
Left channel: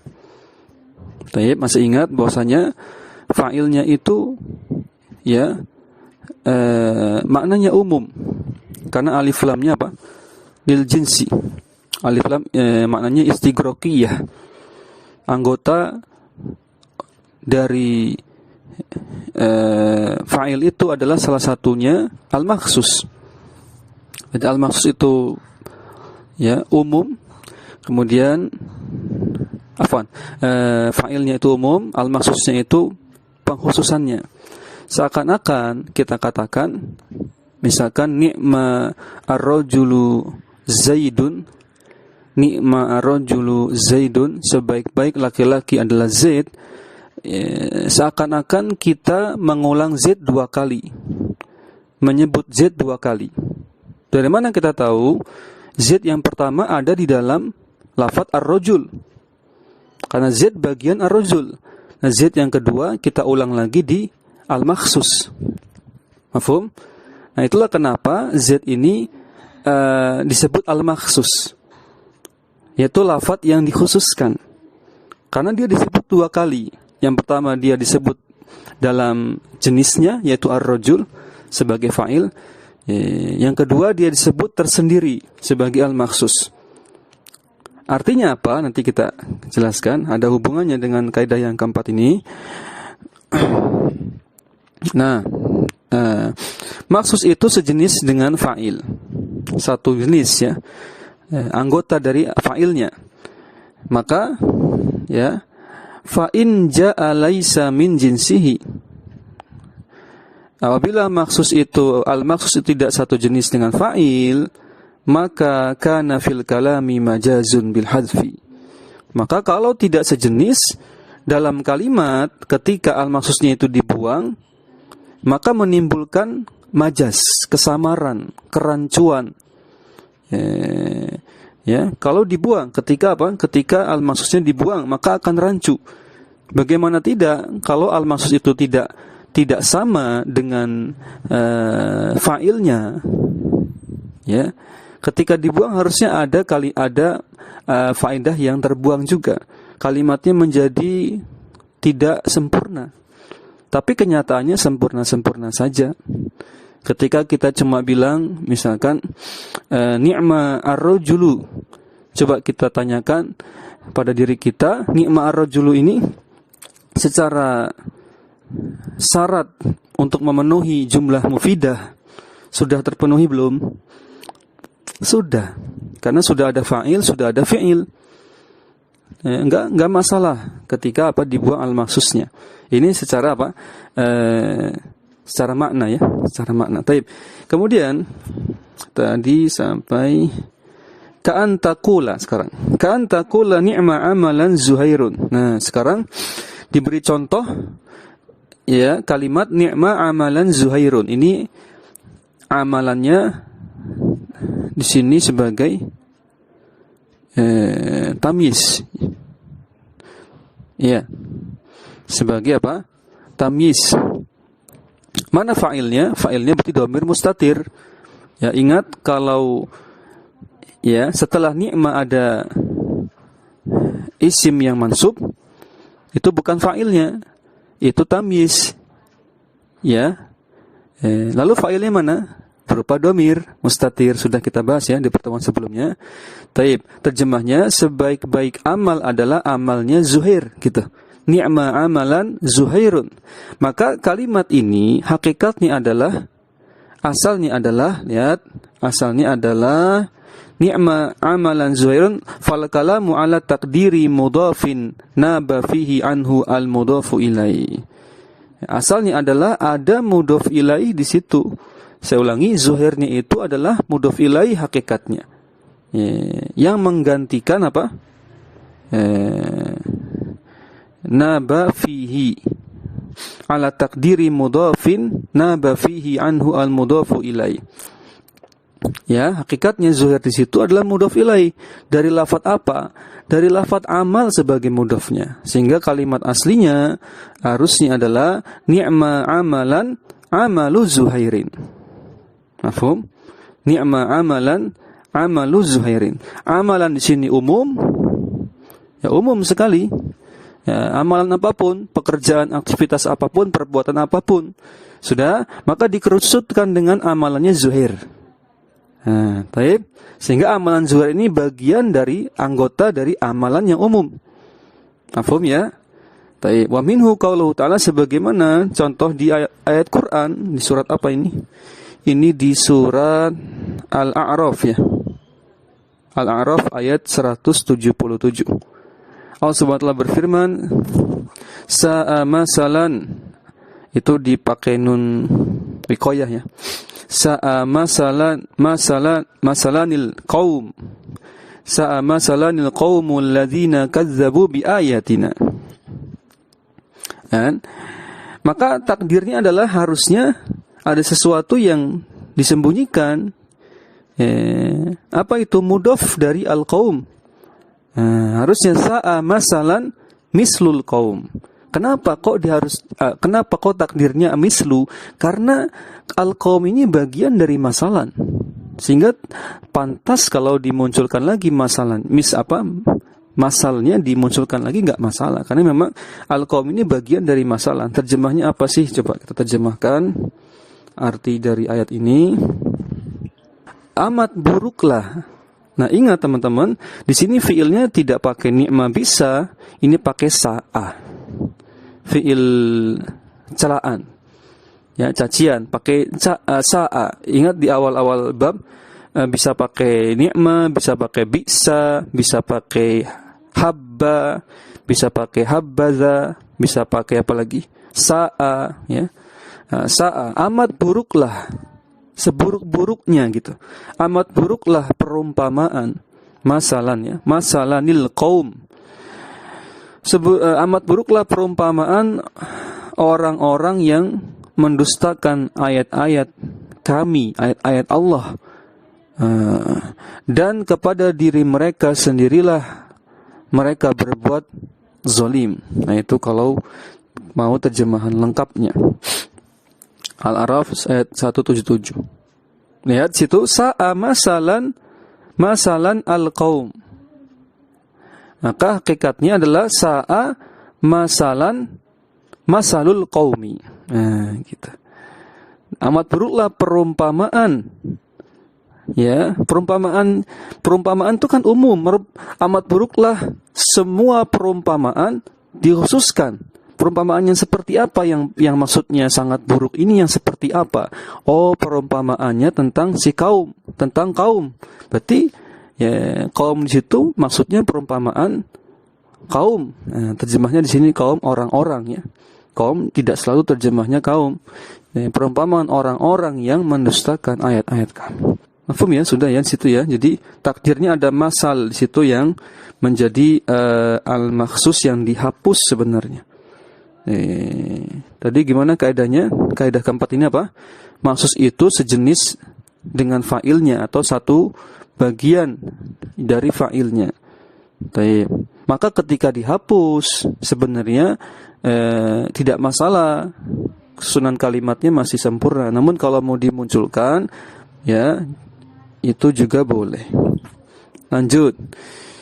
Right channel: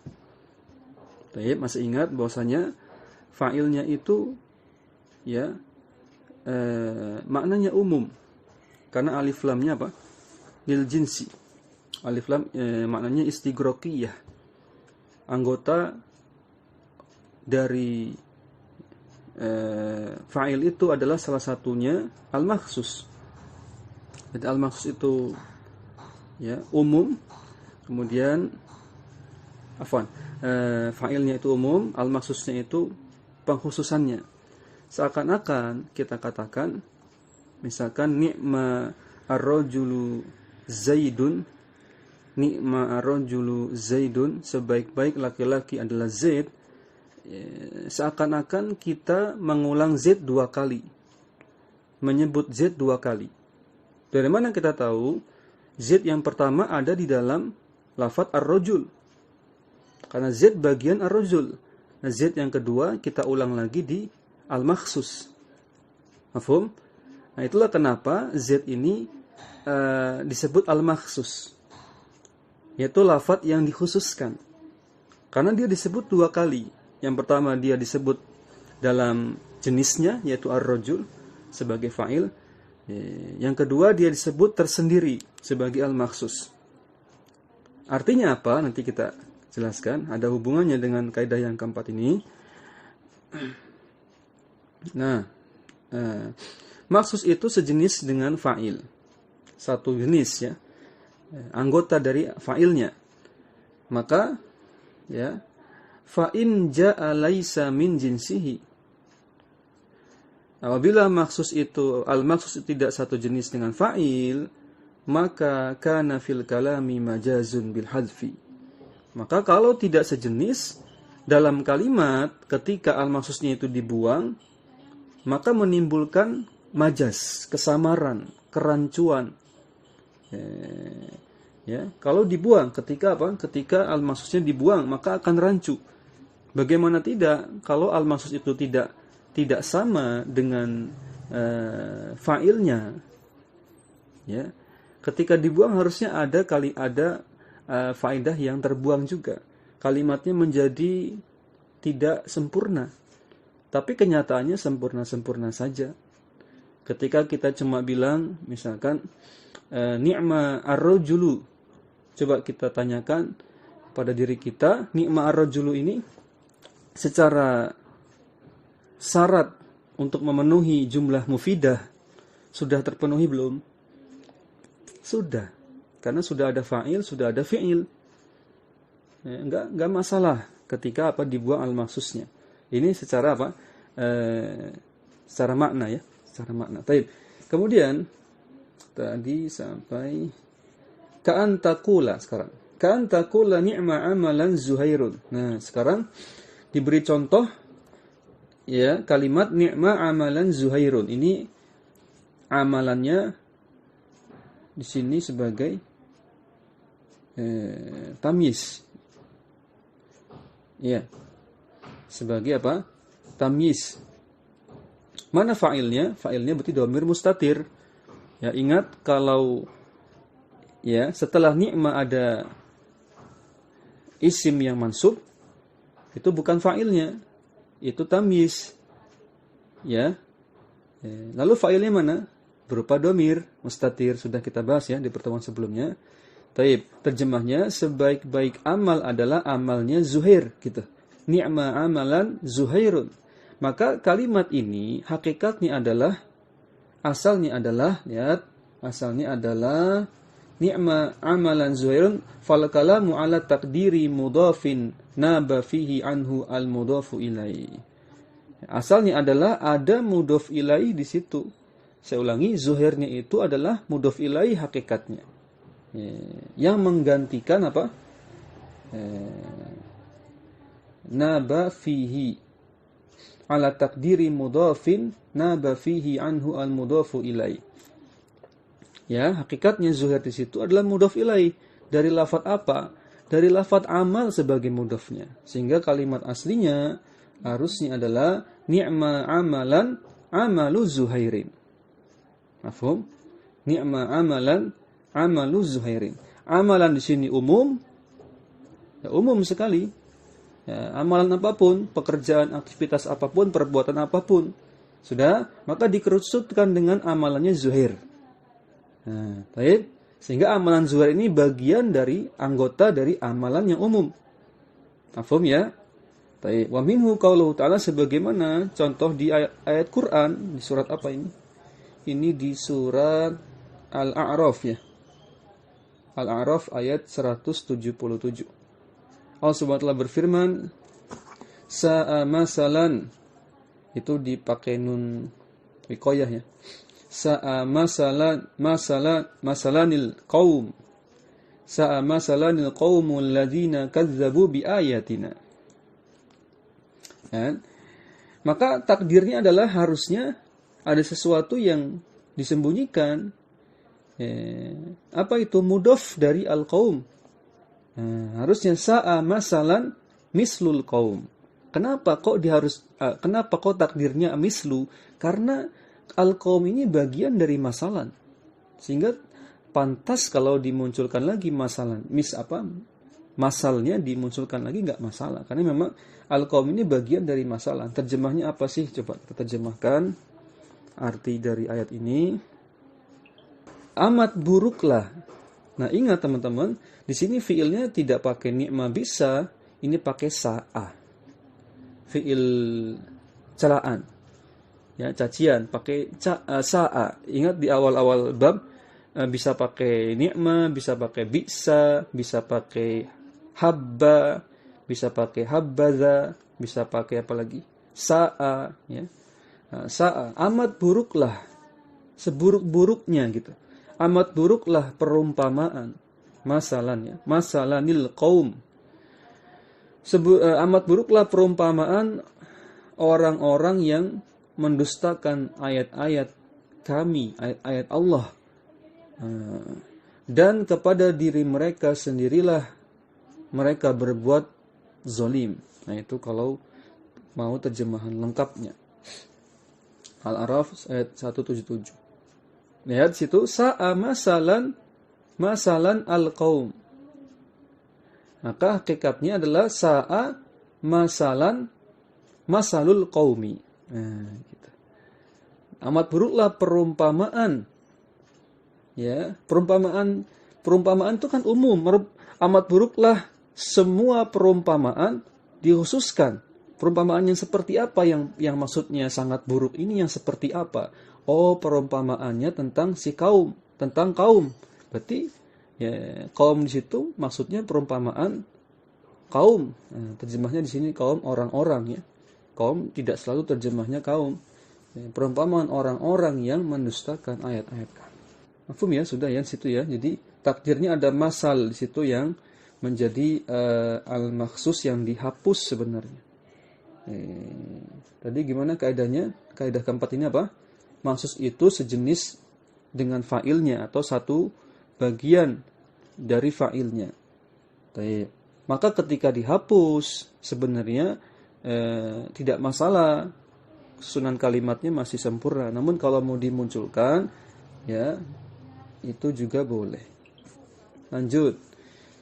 Baik, masih ingat bahwasanya fa'ilnya itu ya maknanya umum. Karena alif lamnya apa? Lil jinsi. Alif lam maknanya istighraqiyah. Anggota dari fa'il itu adalah salah satunya al-makhsus. Jadi al-makhsus itu ya umum. Kemudian fa'ilnya itu umum, al-makhsusnya itu pengkhususannya. Seakan-akan kita katakan misalkan ni'ma ar-rajulu zaidun, sebaik-baik laki-laki adalah Zaid. Seakan-akan kita mengulang Zaid 2 kali, menyebut Zaid 2 kali. Dari mana kita tahu? Zaid yang pertama ada di dalam lafaz ar-rajul, karena Zaid bagian ar-rajul. Nah, Zaid yang kedua kita ulang lagi di al-makhsus. Mafhum? Nah, itulah kenapa Z ini disebut al-makhsus, yaitu lafaz yang dikhususkan. Karena dia disebut 2 kali. Yang pertama dia disebut dalam jenisnya, yaitu ar-rajul sebagai fa'il. Yang kedua dia disebut tersendiri sebagai al-makhsus. Artinya apa? Nanti kita jelaskan. Ada hubungannya dengan kaidah yang keempat ini. Nah, maksus itu sejenis dengan fa'il, satu jenis ya, anggota dari fa'ilnya. Maka ya, fa'in ja'a laisa min jinsihi, apabila maksus itu al-maksus itu tidak satu jenis dengan fa'il, maka kana fil kalami majazun bil hadfi. Maka kalau tidak sejenis dalam kalimat ketika al-maksusnya itu dibuang, maka menimbulkan majaz, kesamaran, kerancuan. Ya, kalau dibuang ketika apa? Ketika al-maksusnya dibuang, maka akan rancu. Bagaimana tidak kalau al-maksus itu tidak sama dengan fa'ilnya? Ya. Ketika dibuang harusnya ada faedah yang terbuang juga. Kalimatnya menjadi tidak sempurna. Tapi kenyataannya sempurna-sempurna saja. Ketika kita cuma bilang misalkan ni'ma ar-rajulu, coba kita tanyakan pada diri kita, ni'ma ar-rajulu ini secara syarat untuk memenuhi jumlah mufidah sudah terpenuhi belum? Sudah. Karena sudah ada fa'il, sudah ada fi'il. Enggak masalah ketika dibuang al-maksusnya. Ini secara apa? Secara makna ya, secara makna. Taib. Kemudian tadi sampai ka'an taqula sekarang. Ka'an taqula ni'ma amalan Zuhairun. Nah, sekarang diberi contoh ya kalimat ni'ma amalan Zuhairun. Ini amalannya di sini sebagai tamyiz. Ya. Sebagai apa? Tamyiz. Mana fa'ilnya? Fa'ilnya berarti dhamir mustatir. Ya, ingat kalau ya setelah ni'ma ada isim yang mansub, itu bukan fa'ilnya, itu tamyiz. Ya. Lalu fa'ilnya mana? Berupa dhamir mustatir, sudah kita bahas ya di pertemuan sebelumnya. Taib, terjemahnya sebaik-baik amal adalah amalnya Zuhair gitu. Ni'ma amalan Zuhairun. Maka kalimat ini hakikatnya adalah, asalnya adalah, lihat, asalnya adalah ni'ma amalan Zuhairun, fal kalamu ala taqdiri mudhafin naba fihi anhu al mudhafu ilai. Asalnya adalah ada mudhaf ilai di situ. Saya ulangi, Zuhairnya itu adalah mudhaf ilai hakikatnya. Yang menggantikan apa? Naba fihi ala taqdiri mudhafin naba fihi anhu al mudhafu ilai. Ya, hakikatnya Zuhair di situ adalah mudhaf ilai. Dari lafaz apa? Dari lafaz amal sebagai mudhafnya. Sehingga kalimat aslinya harusnya adalah ni'ma amalan amalu Zuhairin. Mafhum? Ni'ma amalan amalu Zuhairin. Amalan di sini umum. Ya, umum sekali. Ya, amalan apapun, pekerjaan, aktivitas apapun, perbuatan apapun. Sudah, maka dikerucutkan dengan amalannya Zuhair. Nah, baik. Sehingga amalan Zuhair ini bagian dari anggota dari amalan yang umum. Mafhum ya? Baik. Wa minhu qauluhu ta'ala, sebagaimana contoh di ayat Quran, di surat apa ini? Ini di surat Al-A'raf ya. Al-A'raf ayat 177. Allah Subhanahu wa taala berfirman, sa'a masalan, itu dipakai nun wiqayah ya. Sa'a masalanil qaum. Sa'a masalanil qaumul ladzina kazzabu biayatina. Dan maka takdirnya adalah harusnya ada sesuatu yang disembunyikan. Apa itu? Mudhaf dari al-qaum. Harusnya sa'a masalan mislul qaum. Kenapa kok takdirnya mislu? Karena al-qaum ini bagian dari masalan. Sehingga pantas kalau dimunculkan lagi masalan. Masalnya dimunculkan lagi enggak masalah. Karena memang al-qaum ini bagian dari masalah. Terjemahnya apa sih? Coba kita terjemahkan arti dari ayat ini. Amat buruklah. Nah, ingat teman-teman, di sini fiilnya tidak pakai ni'ma bisa, ini pakai sa'a. Fiil celaan. Ya, cacian, pakai sa'a. Ingat di awal-awal bab bisa pakai ni'ma, bisa pakai bisa pakai habba, bisa pakai habbaza, bisa pakai apa lagi? Sa'a, ya. Sa'a, amat buruklah, seburuk-buruknya gitu. Amat buruklah perumpamaan, masalan ya, masalanil qaum. Amat buruklah perumpamaan orang-orang yang mendustakan ayat-ayat kami, ayat-ayat Allah. Dan kepada diri mereka sendirilah mereka berbuat zalim. Nah, itu kalau mau terjemahan lengkapnya. Al-A'raf ayat 177. Lihat situ, sa'a masalan al-qaum. Maka hakikatnya adalah sa'a masalul qaumi. Nah, gitu. Amat buruklah perumpamaan. Ya, perumpamaan itu kan umum. Amat buruklah semua perumpamaan dikhususkan. Perumpamaan yang seperti apa yang maksudnya sangat buruk ini yang seperti apa? Oh, perumpamaannya tentang si kaum, tentang kaum. Berarti ya kaum di situ maksudnya perumpamaan kaum. Nah, terjemahnya di sini kaum orang-orang ya. Kaum tidak selalu terjemahnya kaum. Ya, perumpamaan orang-orang yang mendustakan ayat-ayat kami. Mafhum ya, sudah ya di situ ya. Jadi takdirnya ada masal di situ yang menjadi al-makhsus yang dihapus sebenarnya. Tadi gimana kaidahnya? Kaidah keempat ini apa? Maksus itu sejenis dengan fa'ilnya atau satu bagian dari fa'ilnya. Maka ketika dihapus sebenarnya tidak masalah, susunan kalimatnya masih sempurna. Namun kalau mau dimunculkan, ya itu juga boleh. Lanjut.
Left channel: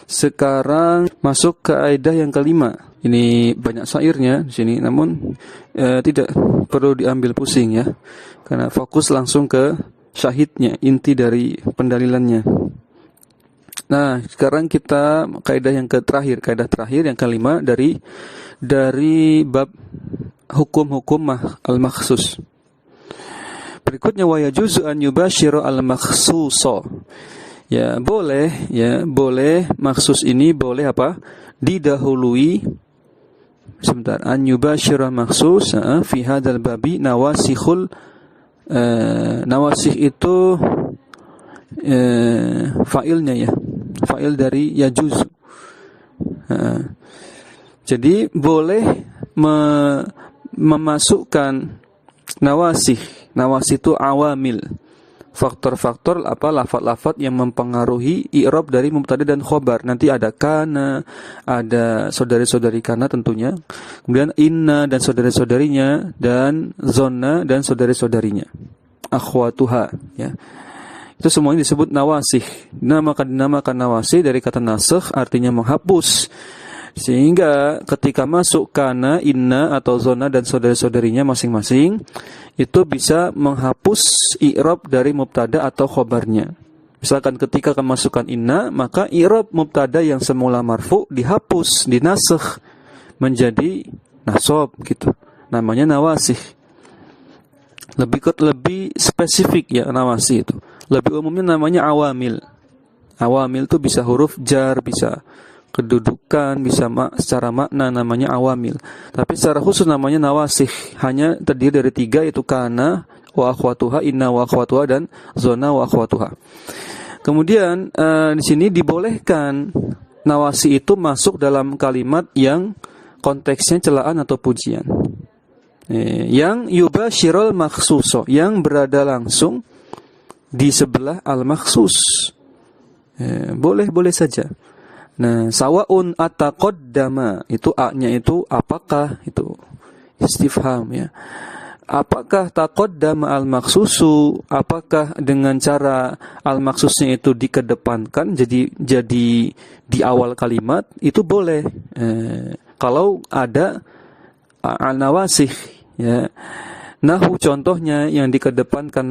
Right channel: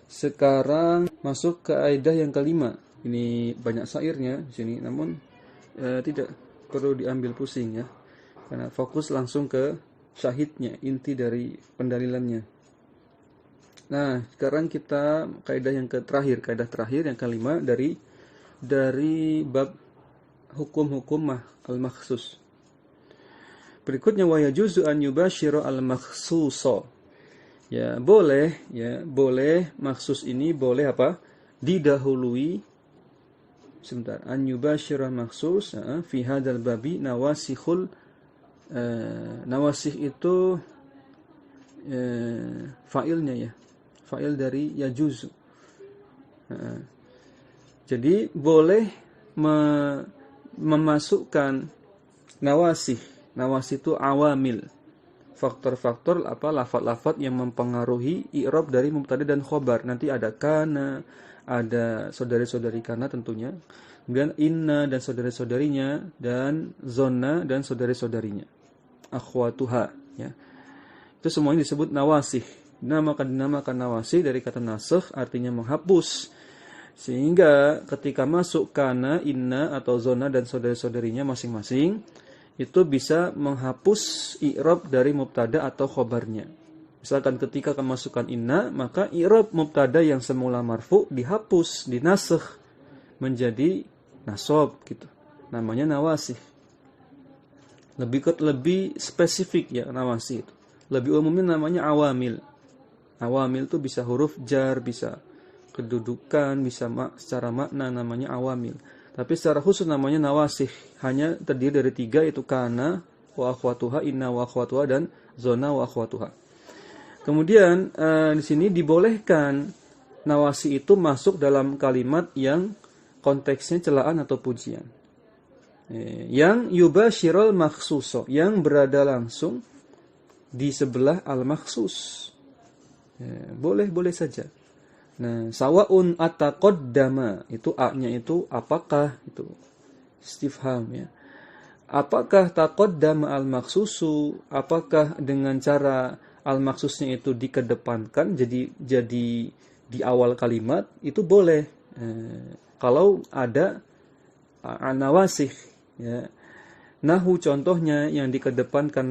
Sekarang masuk ke kaidah yang kelima. Ini banyak syairnya di sini, namun tidak perlu diambil pusing ya, karena fokus langsung ke syahidnya, inti dari pendalilannya. Nah, sekarang kita kaidah yang kaidah terakhir yang kelima dari bab hukum-hukum al-makhsus. Berikutnya wa yajuzu an yubashiru al-makhsusa. Ya, boleh maksus ini boleh apa? Didahului sebentar. An yubashira maksus fi hadzal babi nawasikhul nawasikh itu fa'ilnya ya. Fa'il dari yajuzu. Jadi boleh memasukkan nawasikh. Nawasikh itu awamil. Faktor-faktor lafaz-lafaz yang mempengaruhi i'rab dari mubtada dan khobar. Nanti ada kana, ada saudari-saudari kana tentunya. Kemudian inna dan saudari-saudarinya, dan zonna dan saudari-saudarinya. Akhwatuha ya. Itu semuanya disebut nawasikh. Dinamakan nawasikh dari kata nasakh, artinya menghapus. Sehingga ketika masuk kana, inna atau zonna dan saudari-saudarinya masing-masing, itu bisa menghapus i'rab dari mubtada atau khobarnya. Misalkan ketika kemasukan inna, maka i'rab mubtada yang semula marfu dihapus, dinasakh menjadi nasab gitu. Namanya nawasikh. Lebih spesifik ya nawasikh itu. Lebih umumnya namanya awamil. Awamil itu bisa huruf jar, bisa kedudukan, bisa secara makna namanya awamil. Tapi secara khusus namanya nawasikh. Hanya terdiri dari 3, yaitu kana wa akhwatuha, inna wa akhwatuha, dan zona wa akhwatuha. Kemudian di sini dibolehkan nawasi itu masuk dalam kalimat yang konteksnya celaan atau pujian. Yang yubashirul makhsuso, yang berada langsung di sebelah al-makhsus. Boleh saja. Nah, sawaun ataqaddama, itu a-nya itu apakah, itu istifham ya. Apakah taqaddama al-makhsusu, apakah dengan cara al-makhsusnya itu dikedepankan jadi di awal kalimat, itu boleh. Kalau ada nawasikh ya. Nahu contohnya yang dikedepankan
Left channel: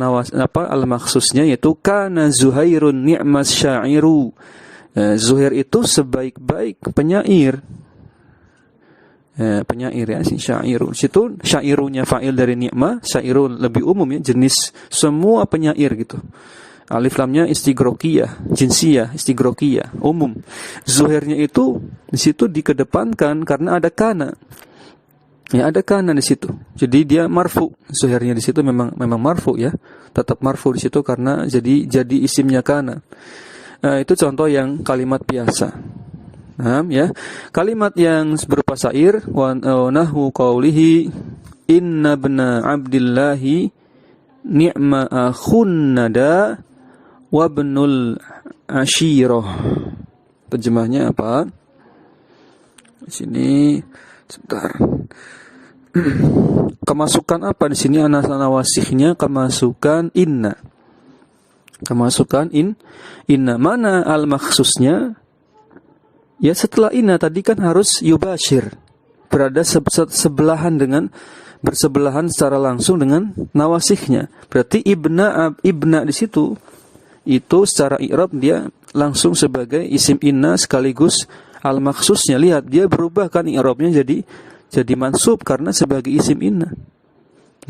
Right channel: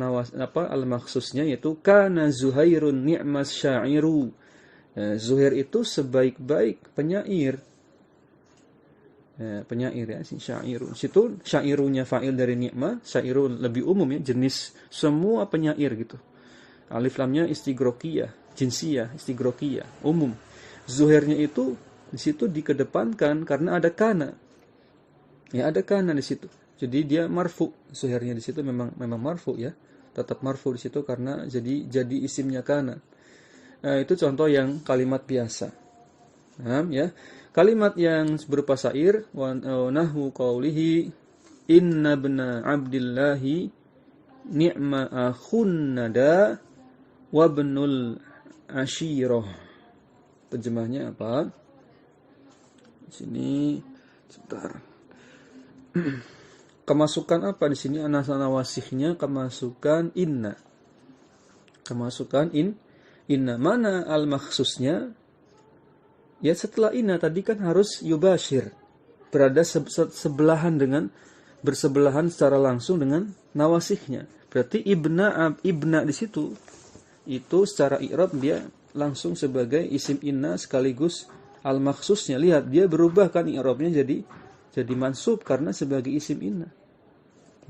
al-makhsusnya yaitu kana Zuhairun ni'mas sya'iru. Zuhair itu sebaik-baik penyair. Penyair ya, si syairu. Situ syairunya fa'il dari ni'mah, syairu lebih umum ya, jenis semua penyair gitu. Alif lamnya istigrokiyah, jinsiyah, istigrokiyah, umum. Zuhairnya itu di situ dikedepankan karena ada kana. Ya, ada kana di situ. Jadi dia marfu. Zuhairnya di situ memang marfu ya. Tetap marfu di situ karena jadi isimnya kana. Itu contoh yang kalimat biasa. Ya. Kalimat yang berupa syair wa nahu qaulihi inna ibna abdillahi ni'ma akhun nada wa ibnul ashirah. Terjemahnya apa? Di sini sebentar. Kemasukan apa di sini nawasikhnya kemasukan inna. Kemasukan inna, mana al-makhsusnya? Ya setelah inna tadi kan harus yubashir. Berada bersebelahan secara langsung dengan nawasikhnya. Berarti ibna di situ itu secara i'rab dia langsung sebagai isim inna sekaligus al-makhsusnya. Lihat dia berubah kan i'rabnya jadi mansub karena sebagai isim inna.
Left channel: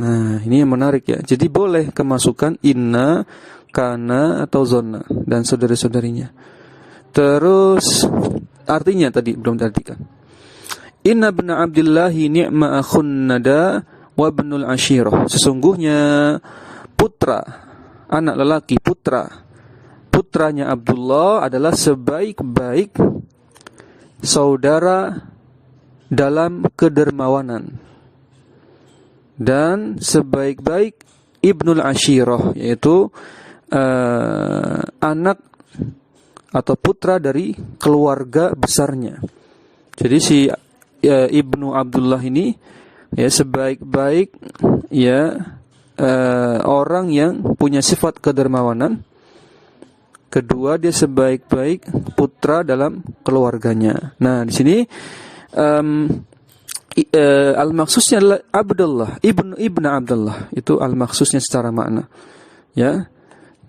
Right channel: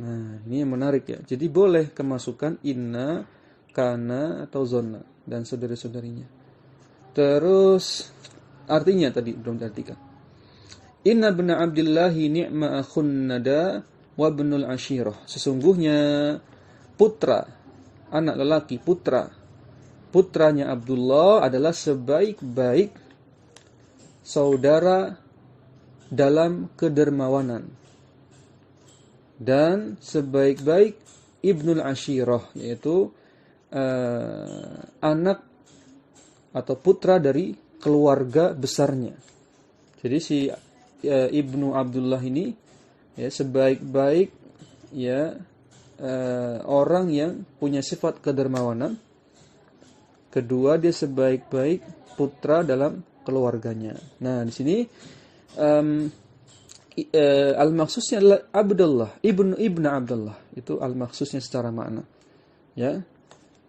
Nah, ini yang menarik ya. Jadi boleh kemasukan inna, kana atau zonna dan saudara-saudarinya. Terus artinya tadi belum diartikan. Inna ibna abdillahi ni'ma akhun nada wa ibnul ashirah. Sesungguhnya putra, anak lelaki putranya Abdullah adalah sebaik-baik saudara dalam kedermawanan. dan sebaik-baik ibnul ashirah, yaitu anak atau putra dari keluarga besarnya. Jadi si Ibnu Abdullah ini ya sebaik-baik ya orang yang punya sifat kedermawanan. Kedua, dia sebaik-baik putra dalam keluarganya. Nah, di sini al-maksusnya adalah Abdullah, ibnu Abdullah. Itu al-maksusnya secara makna. Ya.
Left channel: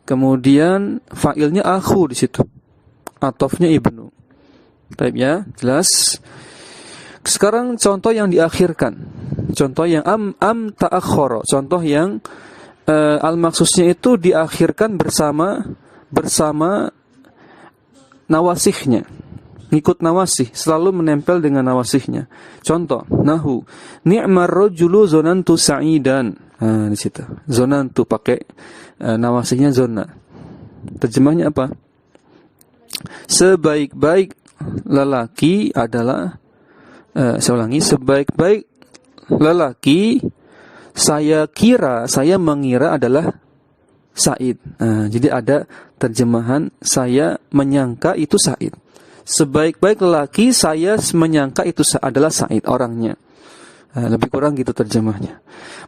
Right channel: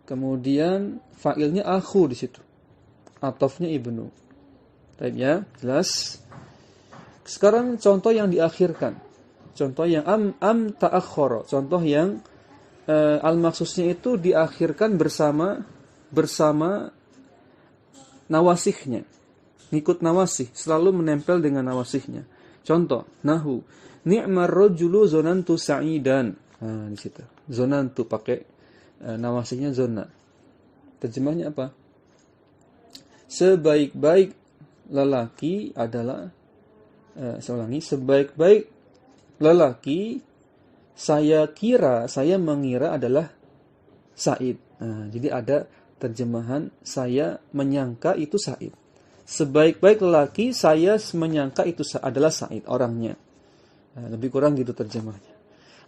Kemudian fa'ilnya akhu di situ. Atofnya ibnu. Baik ya, jelas. Sekarang contoh yang diakhirkan. Contoh yang am ta'akhkhara. Contoh yang al-maksusnya itu diakhirkan bersama nawasihnya. Ngikut nawasih, selalu menempel dengan nawasihnya. Contoh, nahu, ni'mar rajulu zonantu sa'idan. Nah, di situ. Zonantu pakai nawasihnya zona. Terjemahnya apa? Sebaik-baik lelaki adalah saya ulangi, sebaik-baik lelaki saya mengira adalah Said. Nah, jadi ada terjemahan saya menyangka itu Said. Sebaik-baik lelaki saya menyangka itu adalah Said orangnya. Nah, lebih kurang gitu terjemahnya.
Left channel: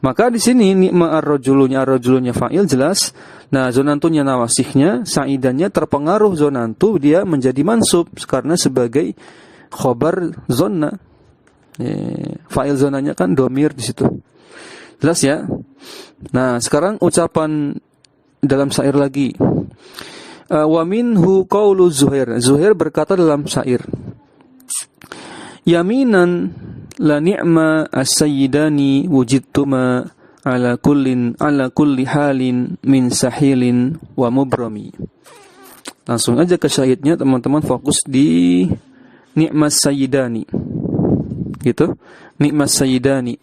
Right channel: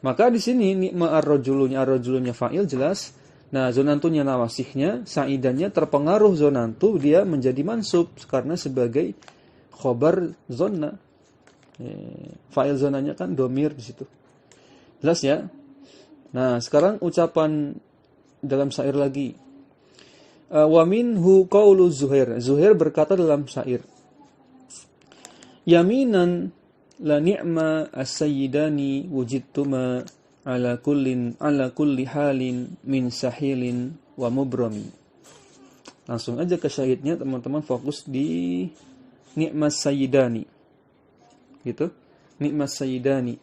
Maka di sini ni'ma ar-rajulunya fa'il jelas. Nah, zonantunya nawasihnya, sa'idannya terpengaruh zonantu, dia menjadi mansub karena sebagai khobar zonna. Fa'il zonanya kan domir di situ. Jelas ya? Nah, sekarang ucapan dalam syair lagi. Wa minhu qaulu Zuhair. Zuhair berkata dalam syair. Yaminan la ni'ma as-sayyidani wujidtuma ala kulli halin min sahilin wa mubrami. Langsung aja ke syahidnya, teman-teman fokus di ni'mas sayyidani. Gitu. Ni'mas sayyidani.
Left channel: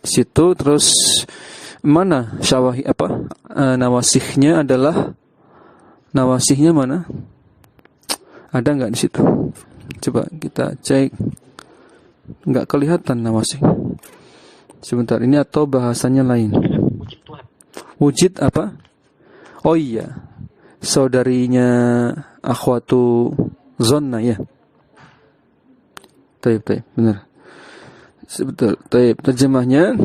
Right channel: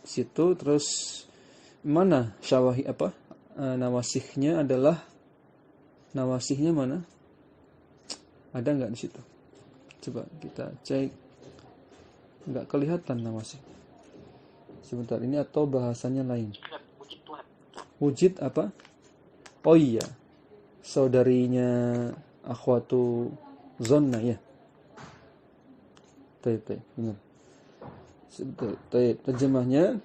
Di situ terus mana nawasihnya adalah nawasihnya mana? Ada enggak di situ? Coba kita cek. Enggak kelihatan nawasih. Sebentar, ini atau bahasanya lain? Wujud apa? Oh iya, saudarinya akhwatu zonna ya. Taib, benar. Betul. Taib, terjemahnya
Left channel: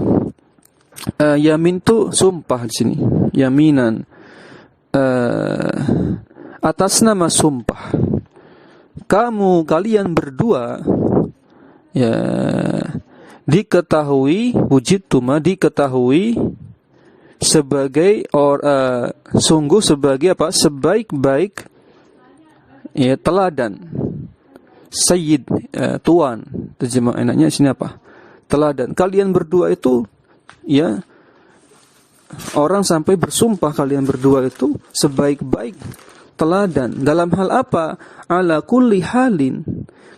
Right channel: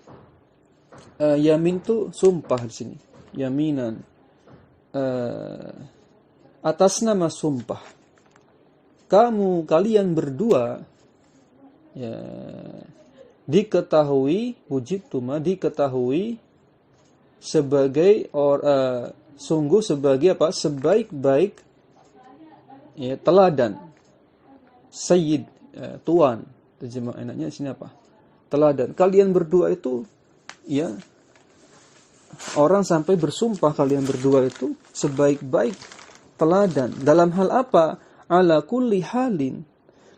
yamin itu sumpah di sini. Yaminan atas nama sumpah. Kalian berdua ya diketahui sebagai sungguh sebagai apa? Sebaik-baik ya teladan. Sayyid tuan. Terjemah enaknya sini apa? Teladan. Kalian berdua itu ya orang sampai bersumpah kalian berdua itu sebaik-baik teladan. Dalam hal apa? Ala kulli halin.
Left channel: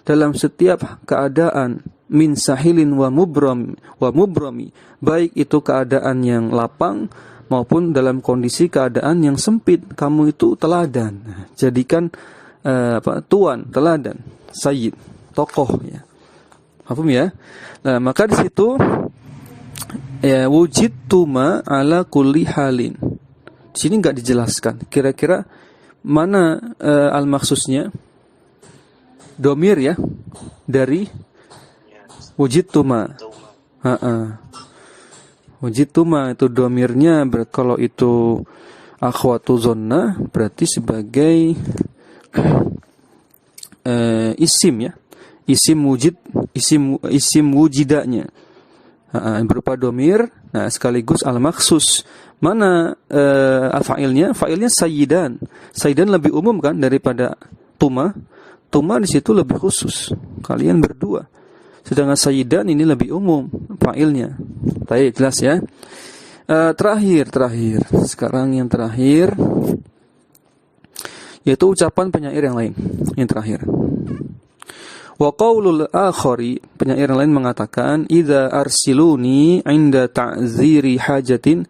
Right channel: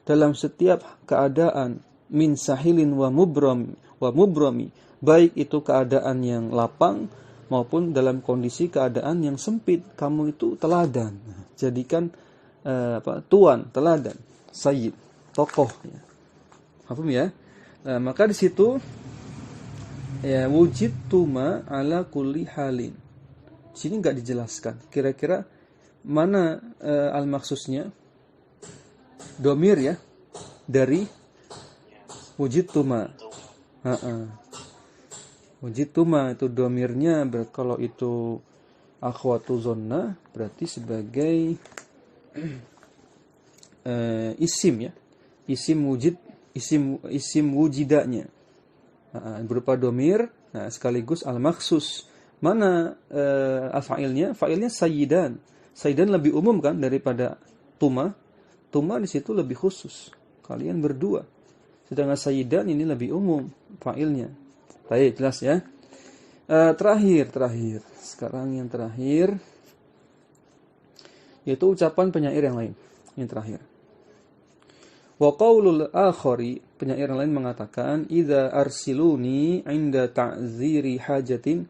Dalam setiap keadaan. Min sahilin wa mubrami. Baik itu keadaan yang lapang maupun dalam kondisi keadaan yang sempit. Kamu itu teladan. Jadikan tuan, teladan, sayyid, tokoh ya. Paham ya? Nah, maka di situ ya wujidtuma ala kulli halin. Di sini enggak dijelaskan. Kira-kira mana al-maksusnya? Domir ya dari wujidtuma. Wujidtuma itu domirnya kalau itu akhwatu zonna berarti sebagai isim ya. Isim wujidanya. Berupa domir, nah sekaligus al-maksus. Mana al-fa'ilnya? Fa'ilnya sayyidan. Sayyidan lebih umum kan daripada tuma. Tuma di situ lebih khusus. Kalian berdua. Sedangkan sayyidan ini lebih umum fa'ilnya. Baik, jelas ya. Terakhir. Sekarang yang terakhir yaitu ucapan penyair yang lain. Yang terakhir. Wa qaulul akhari, penyair yang lain mengatakan, idza arsiluni 'inda ta'ziri hajatin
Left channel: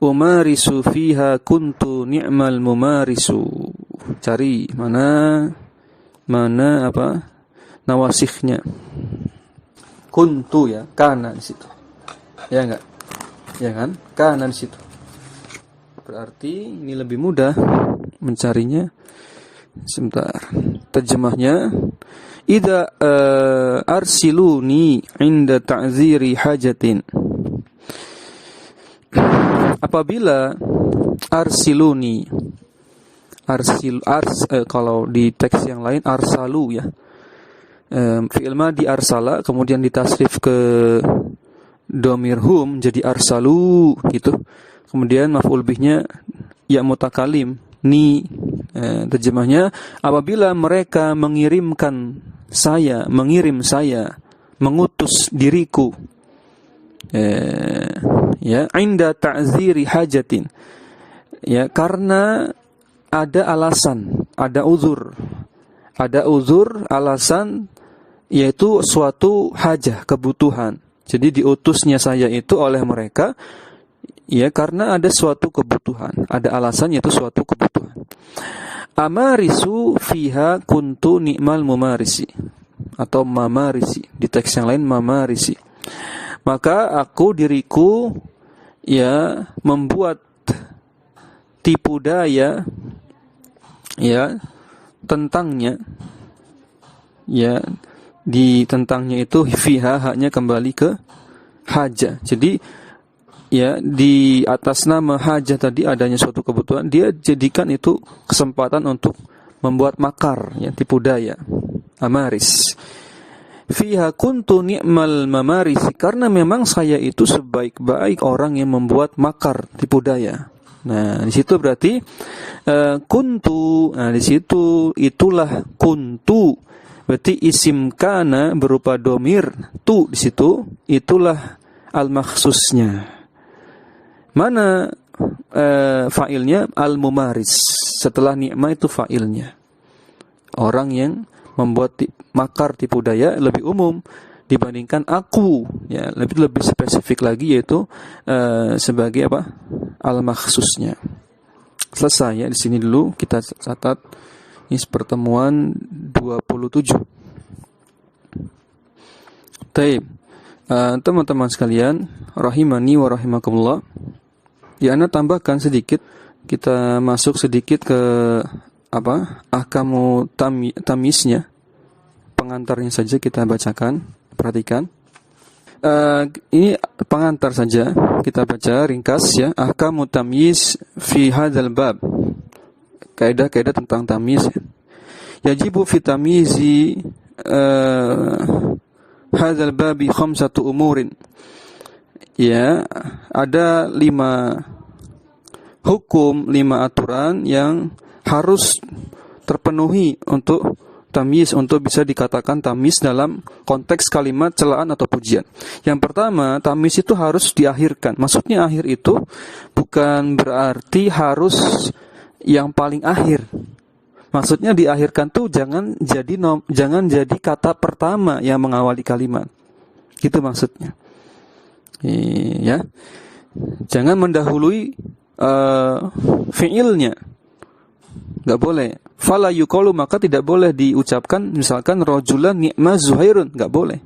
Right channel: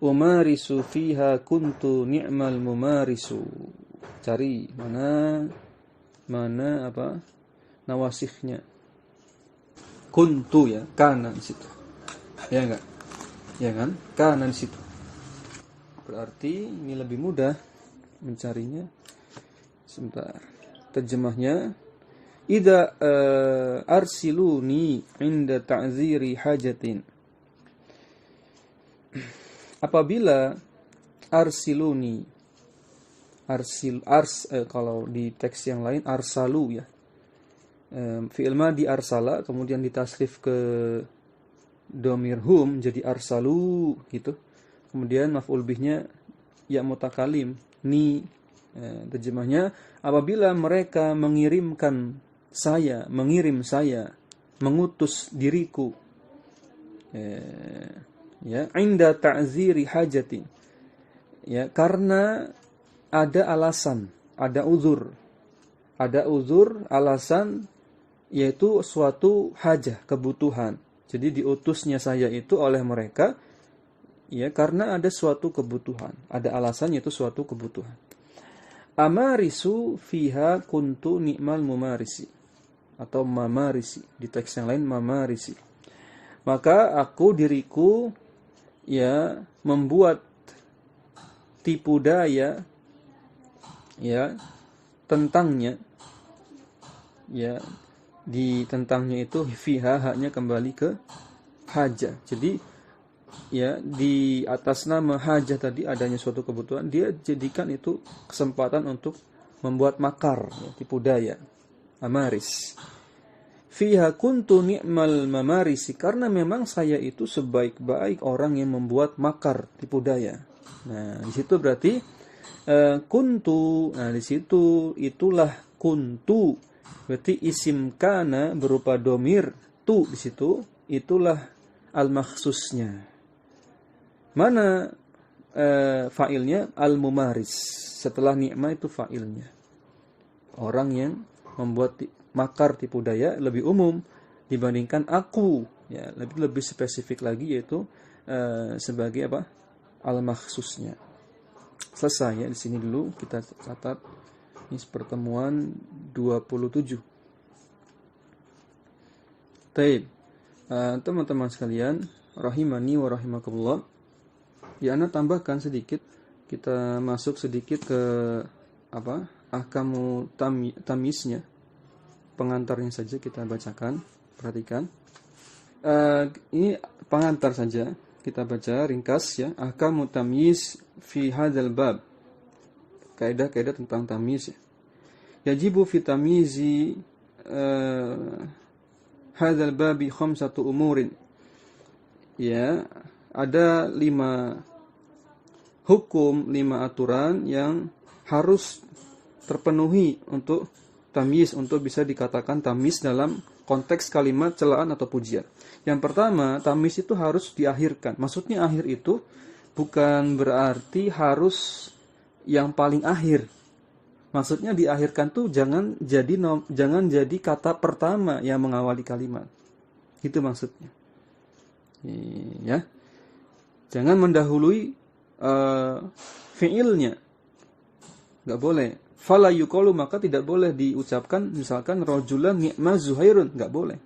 umarisu fiha kuntu ni'mal mumarisu. Cari mana apa nawasihnya. Kuntu ya, kana di situ. Ya enggak? Ya kan? Kana di situ. Berarti ini lebih mudah mencarinya. Sebentar. Terjemahnya, idza arsiluni inda ta'ziri hajatin. Apabila arsiluni, kalau di teks yang lain arsalu ya. Fi'il madhi arsala kemudian ditasrif ke dhamir hum jadi arsalu gitu. Kemudian maf'ul bihnya ya mutakalim ni. Terjemahnya, apabila mereka mengirim saya, mengutus diriku, ya, inda ta'ziri hajatin, ya, karena ada alasan, ada uzur, alasan, yaitu suatu hajah, kebutuhan. Jadi diutusnya saya itu oleh mereka, ya, karena ada suatu kebutuhan, ada alasan, yaitu suatu kebutuhan. Amarisu fiha kuntu ni'mal mumarisi, atau mamarisi, di teks yang lain mamarisi. Maka diriku ya membuat tipu daya ya tentangnya, ya, di tentangnya itu fiha haknya kembali ke haja. Jadi ya di atas nama hajah tadi adanya suatu kebutuhan, dia jadikan itu kesempatan untuk membuat makar, ya, tipu daya, amaris. Fiha kuntu ni'mal mamarisi, karena memang saya itu sebaik-baik orang yang membuat makar, tipu daya. Nah, di situ berarti kuntu. Nah, di situ itulah kuntu. Berarti isim kana berupa domir tu di situ, itulah al-makhsusnya. Mana fa'ilnya? Al-mumaris. Setelah ni'mah itu fa'ilnya. Orang yang membuat makar tipu daya lebih umum dibandingkan aku, ya, lebih spesifik lagi, yaitu sebagai apa? Al-makhsusnya. Selesai ya, di sini dulu kita catat. Ini pertemuan 27. Taib. Teman-teman sekalian, rahimani wa rahimakumullah. Ya, Anda tambahkan sedikit, kita masuk sedikit ke ahkamu tamyiznya. Pengantarnya saja kita bacakan, perhatikan. Ini pengantar saja, kita baca ringkas ya. Ahkamu tamyiz fi hadzal bab. Kaidah-kaidah tentang tamyiz. Yajibu fi tamyizi hadzal babi khamsatu umurin. Ya, ada 5 hukum, 5 aturan yang harus terpenuhi untuk tamyiz, untuk bisa dikatakan tamyiz dalam konteks kalimat celaan atau pujian. Yang pertama, tamyiz itu harus diakhirkan. Maksudnya akhir itu bukan berarti harus yang paling akhir. Maksudnya diakhirkan tuh jangan jadi kata pertama yang mengawali kalimat. Gitu maksudnya. Ya. Jangan mendahului fiilnya. Enggak boleh. Fala yuqalu, maka tidak boleh diucapkan misalkan rajulan ni'ma Zuhairun, enggak boleh.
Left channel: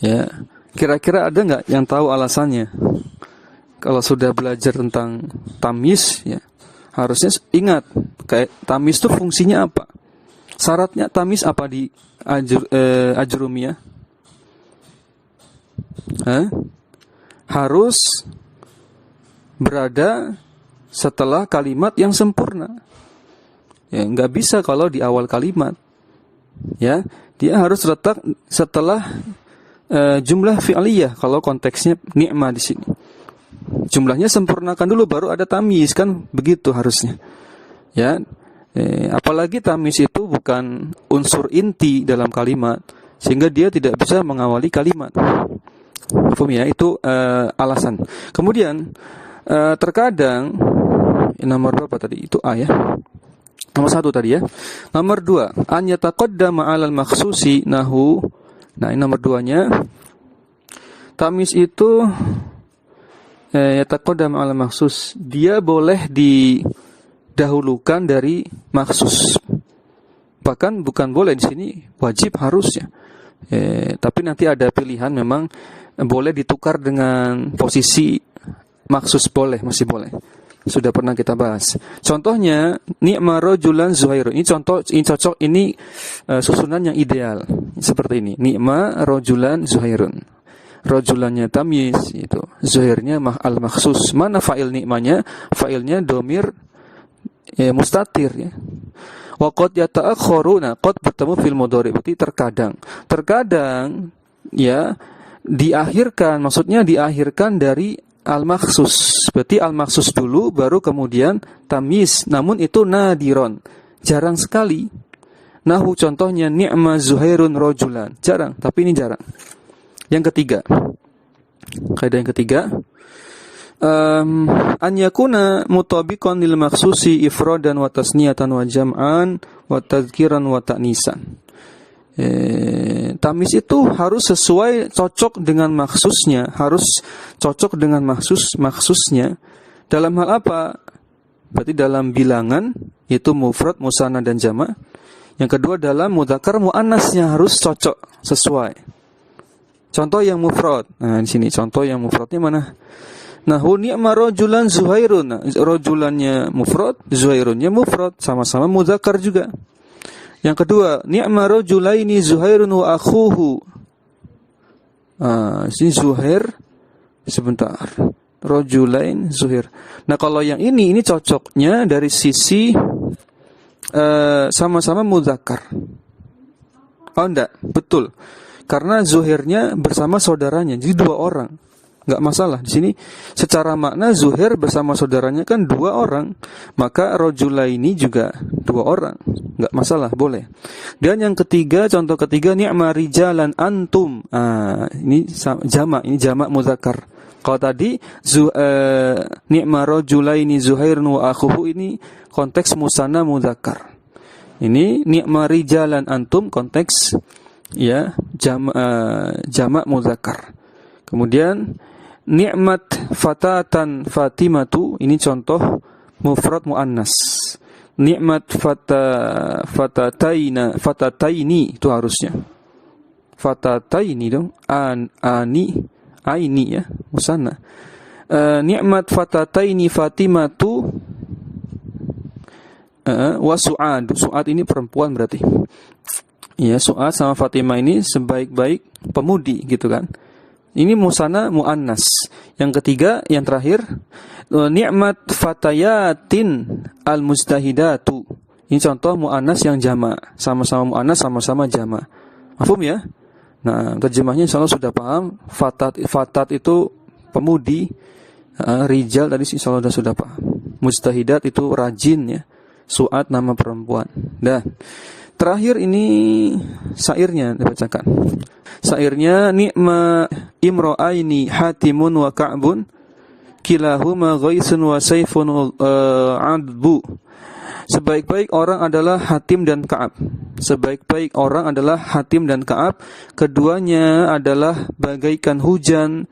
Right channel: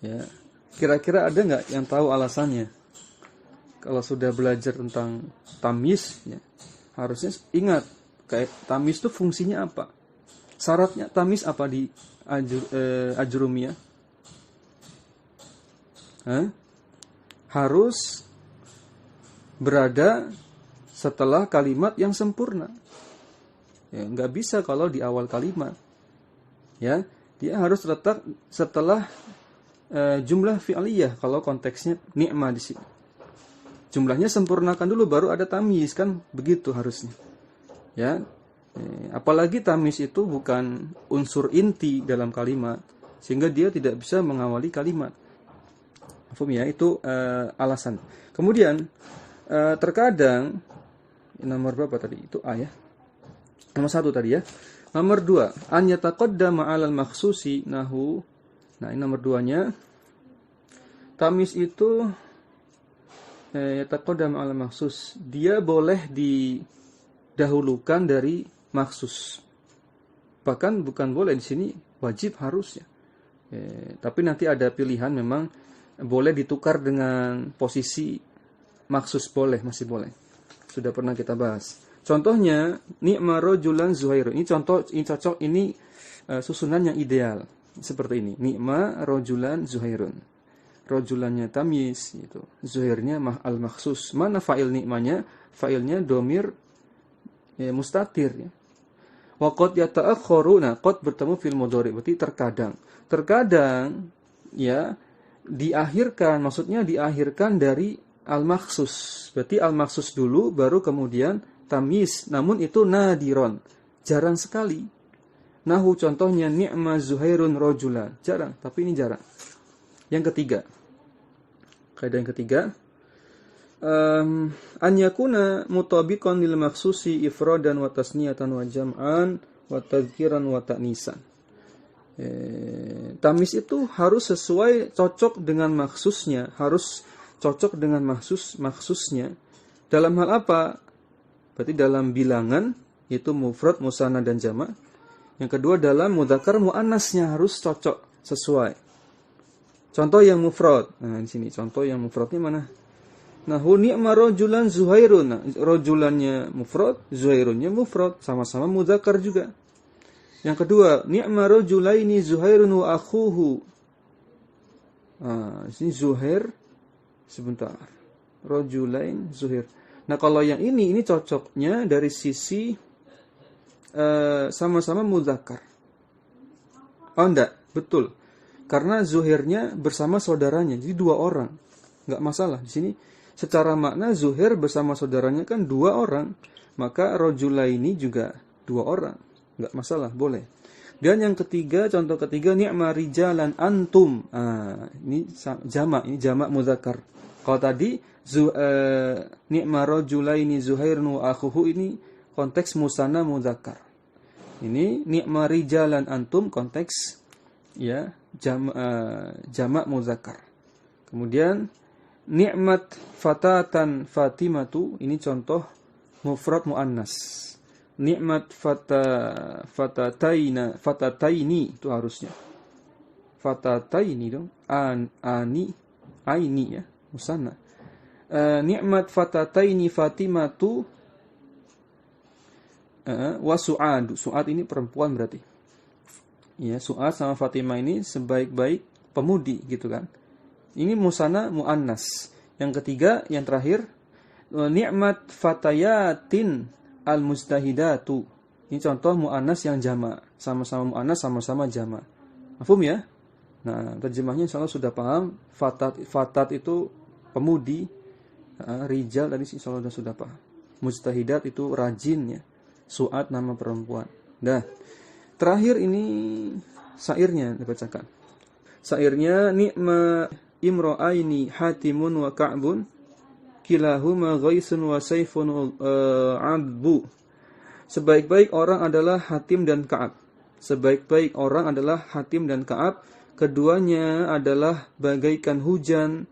Ya. Kira-kira ada enggak yang tahu alasannya? Kalau sudah belajar tentang tamyiz, ya, harusnya ingat kayak tamyiz itu fungsinya apa? Syaratnya tamyiz apa di ajrumiyah? Harus berada setelah kalimat yang sempurna. Ya, nggak bisa kalau di awal kalimat. Ya, dia harus letak setelah jumlah fi'liyah kalau konteksnya ni'mah di sini. Jumlahnya sempurnakan dulu baru ada tamyiz, kan begitu harusnya. Ya, apalagi tamyiz itu bukan unsur inti dalam kalimat sehingga dia tidak bisa mengawali kalimat. Paham ya? Itu alasan. Kemudian terkadang nomor berapa tadi? Itu A ya. Nomor 1 tadi ya. Nomor 2, an yataqaddama 'alal makhsusi nahu. Nah, ini nomor 2-nya. Tamyiz itu yataqaddama 'alal makhsus. Dia boleh didahulukan dari makhsus. Bahkan bukan boleh di sini, wajib harus ya. Tapi nanti ada pilihan memang boleh ditukar dengan posisi maksus, boleh, masih boleh. Sudah pernah kita bahas. Contohnya ni'ma rajulan Zuhairun. Ini contoh, ini cocok, ini susunan yang ideal. Seperti ini. Ni'ma rajulan Zuhairun. Rajulannya tamyiz itu. Zuhairnya al-makhsus. Mana fa'il ni'manya? Fa'ilnya domir mustatir ya. Wa qad yata'akhkharu. Nah, qad bertemu fil mudhari, berarti terkadang. Terkadang ya diakhirkan, maksudnya diakhirkan dari al-makhsus. Berarti al-makhsus dulu baru kemudian tamyiz. Namun itu nadiron, jarang sekali. Nahu contohnya ni'ma Zuhairun rajulan. Jarang, tapi ini jarang. Yang ketiga, kaidah yang ketiga, an yakuna mutabiqan lil makhsusi ifradan wa tasniyatan wa jam'an wa tadhkiran wa ta'nisan. Tamyiz itu harus sesuai, cocok dengan maksusnya, harus cocok dengan maksusnya. Dalam hal apa? Berarti dalam bilangan, yaitu mufrad, musanna dan jamak. Yang kedua dalam mudzakkar muannasnya harus cocok, sesuai. Contoh yang mufrad. Nah, di sini contoh yang mufradnya mana? Nahu ni'ma rajulan Zuhairun. Nah, rajulannya mufrad, Zuhairunnya mufrad, sama-sama mudzakkar juga. Yang kedua, ni'ma rajulaini Zuhairun wa akhuhu. Sini Zuhair, sebentar. Rajulain Zuhair. Nah, kalau yang ini cocoknya dari sisi sama-sama mudzakkar. Oh enggak, betul. Karena Zuhairnya bersama saudaranya, jadi dua orang. Enggak masalah. Di sini secara makna Zuhair bersama saudaranya kan dua orang, maka rajulaini juga dua orang. Enggak masalah, boleh. Dan yang ketiga, contoh ketiga, ni'ma rijalan antum. Ini jamak, ini jamak mudzakkar. Kalau tadi ni'ma rajulaini Zuhairun wa akhuhu, ini konteks musanna mudzakkar. Ini ni'ma rijalan antum, konteks ya jamak mudzakkar. Kemudian ni'mat fatatan Fatimatu, ini contoh mufrad muannas. Ni'mat fatataini itu harusnya. Fatataini dong. Aini ya, musanna. Ni'mat fatataini Fatimatu wa Su'ad. Su'ad ini perempuan berarti. Ya, Su'ad sama Fatimah ini sebaik-baik pemudi gitu kan. Ini musanna muannas. Yang ketiga, yang terakhir, ni'mat fatayatin al-mujtahidatu. Ini contoh muannas yang jamak, sama-sama muannas, sama-sama jamak. Mafhum ya? Nah, terjemahnya insyaallah sudah paham. Fatat itu pemudi, rijal tadi insyaallah sudah paham. Mujtahidat itu rajin ya. Su'ad nama perempuan. Dah. Terakhir ini syairnya dibacakan. Syairnya ni'ma imra'aini Hatimun wa Ka'bun kilahuma ghaisun wa saifun adbu. Sebaik-baik orang adalah Hatim dan Ka'ab. Sebaik-baik orang adalah Hatim dan Ka'ab. Keduanya adalah bagaikan hujan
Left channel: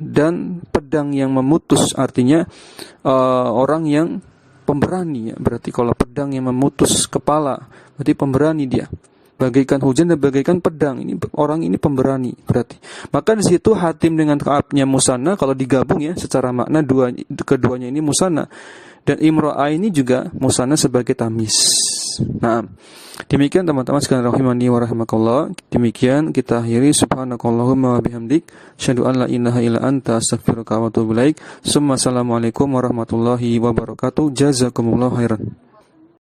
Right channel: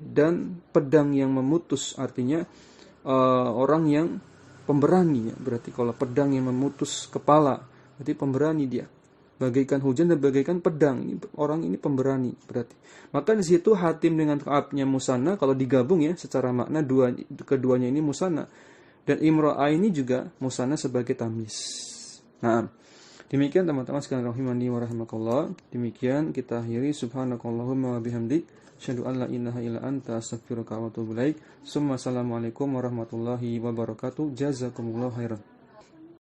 dan pedang yang memutus. Artinya orang yang pemberani ya. Berarti kalau pedang yang memutus kepala, berarti pemberani dia. Bagaikan hujan dan bagaikan pedang. Ini orang ini pemberani berarti. Maka di situ Hatim dengan Ka'abnya musanna, kalau digabung ya secara makna keduanya ini musanna. Dan imra'a ini juga musanna sebagai tamyiz. Nah, demikian teman-teman sekalian rahimani wa rahimakallah. Demikian kita akhiri. Subhanakallahumma wa bihamdik asyhadu an la ilaha illa anta astaghfiruka wa atubu ilaik. Assalamualaikum warahmatullahi wabarakatuh. Jazakumullahu khairan.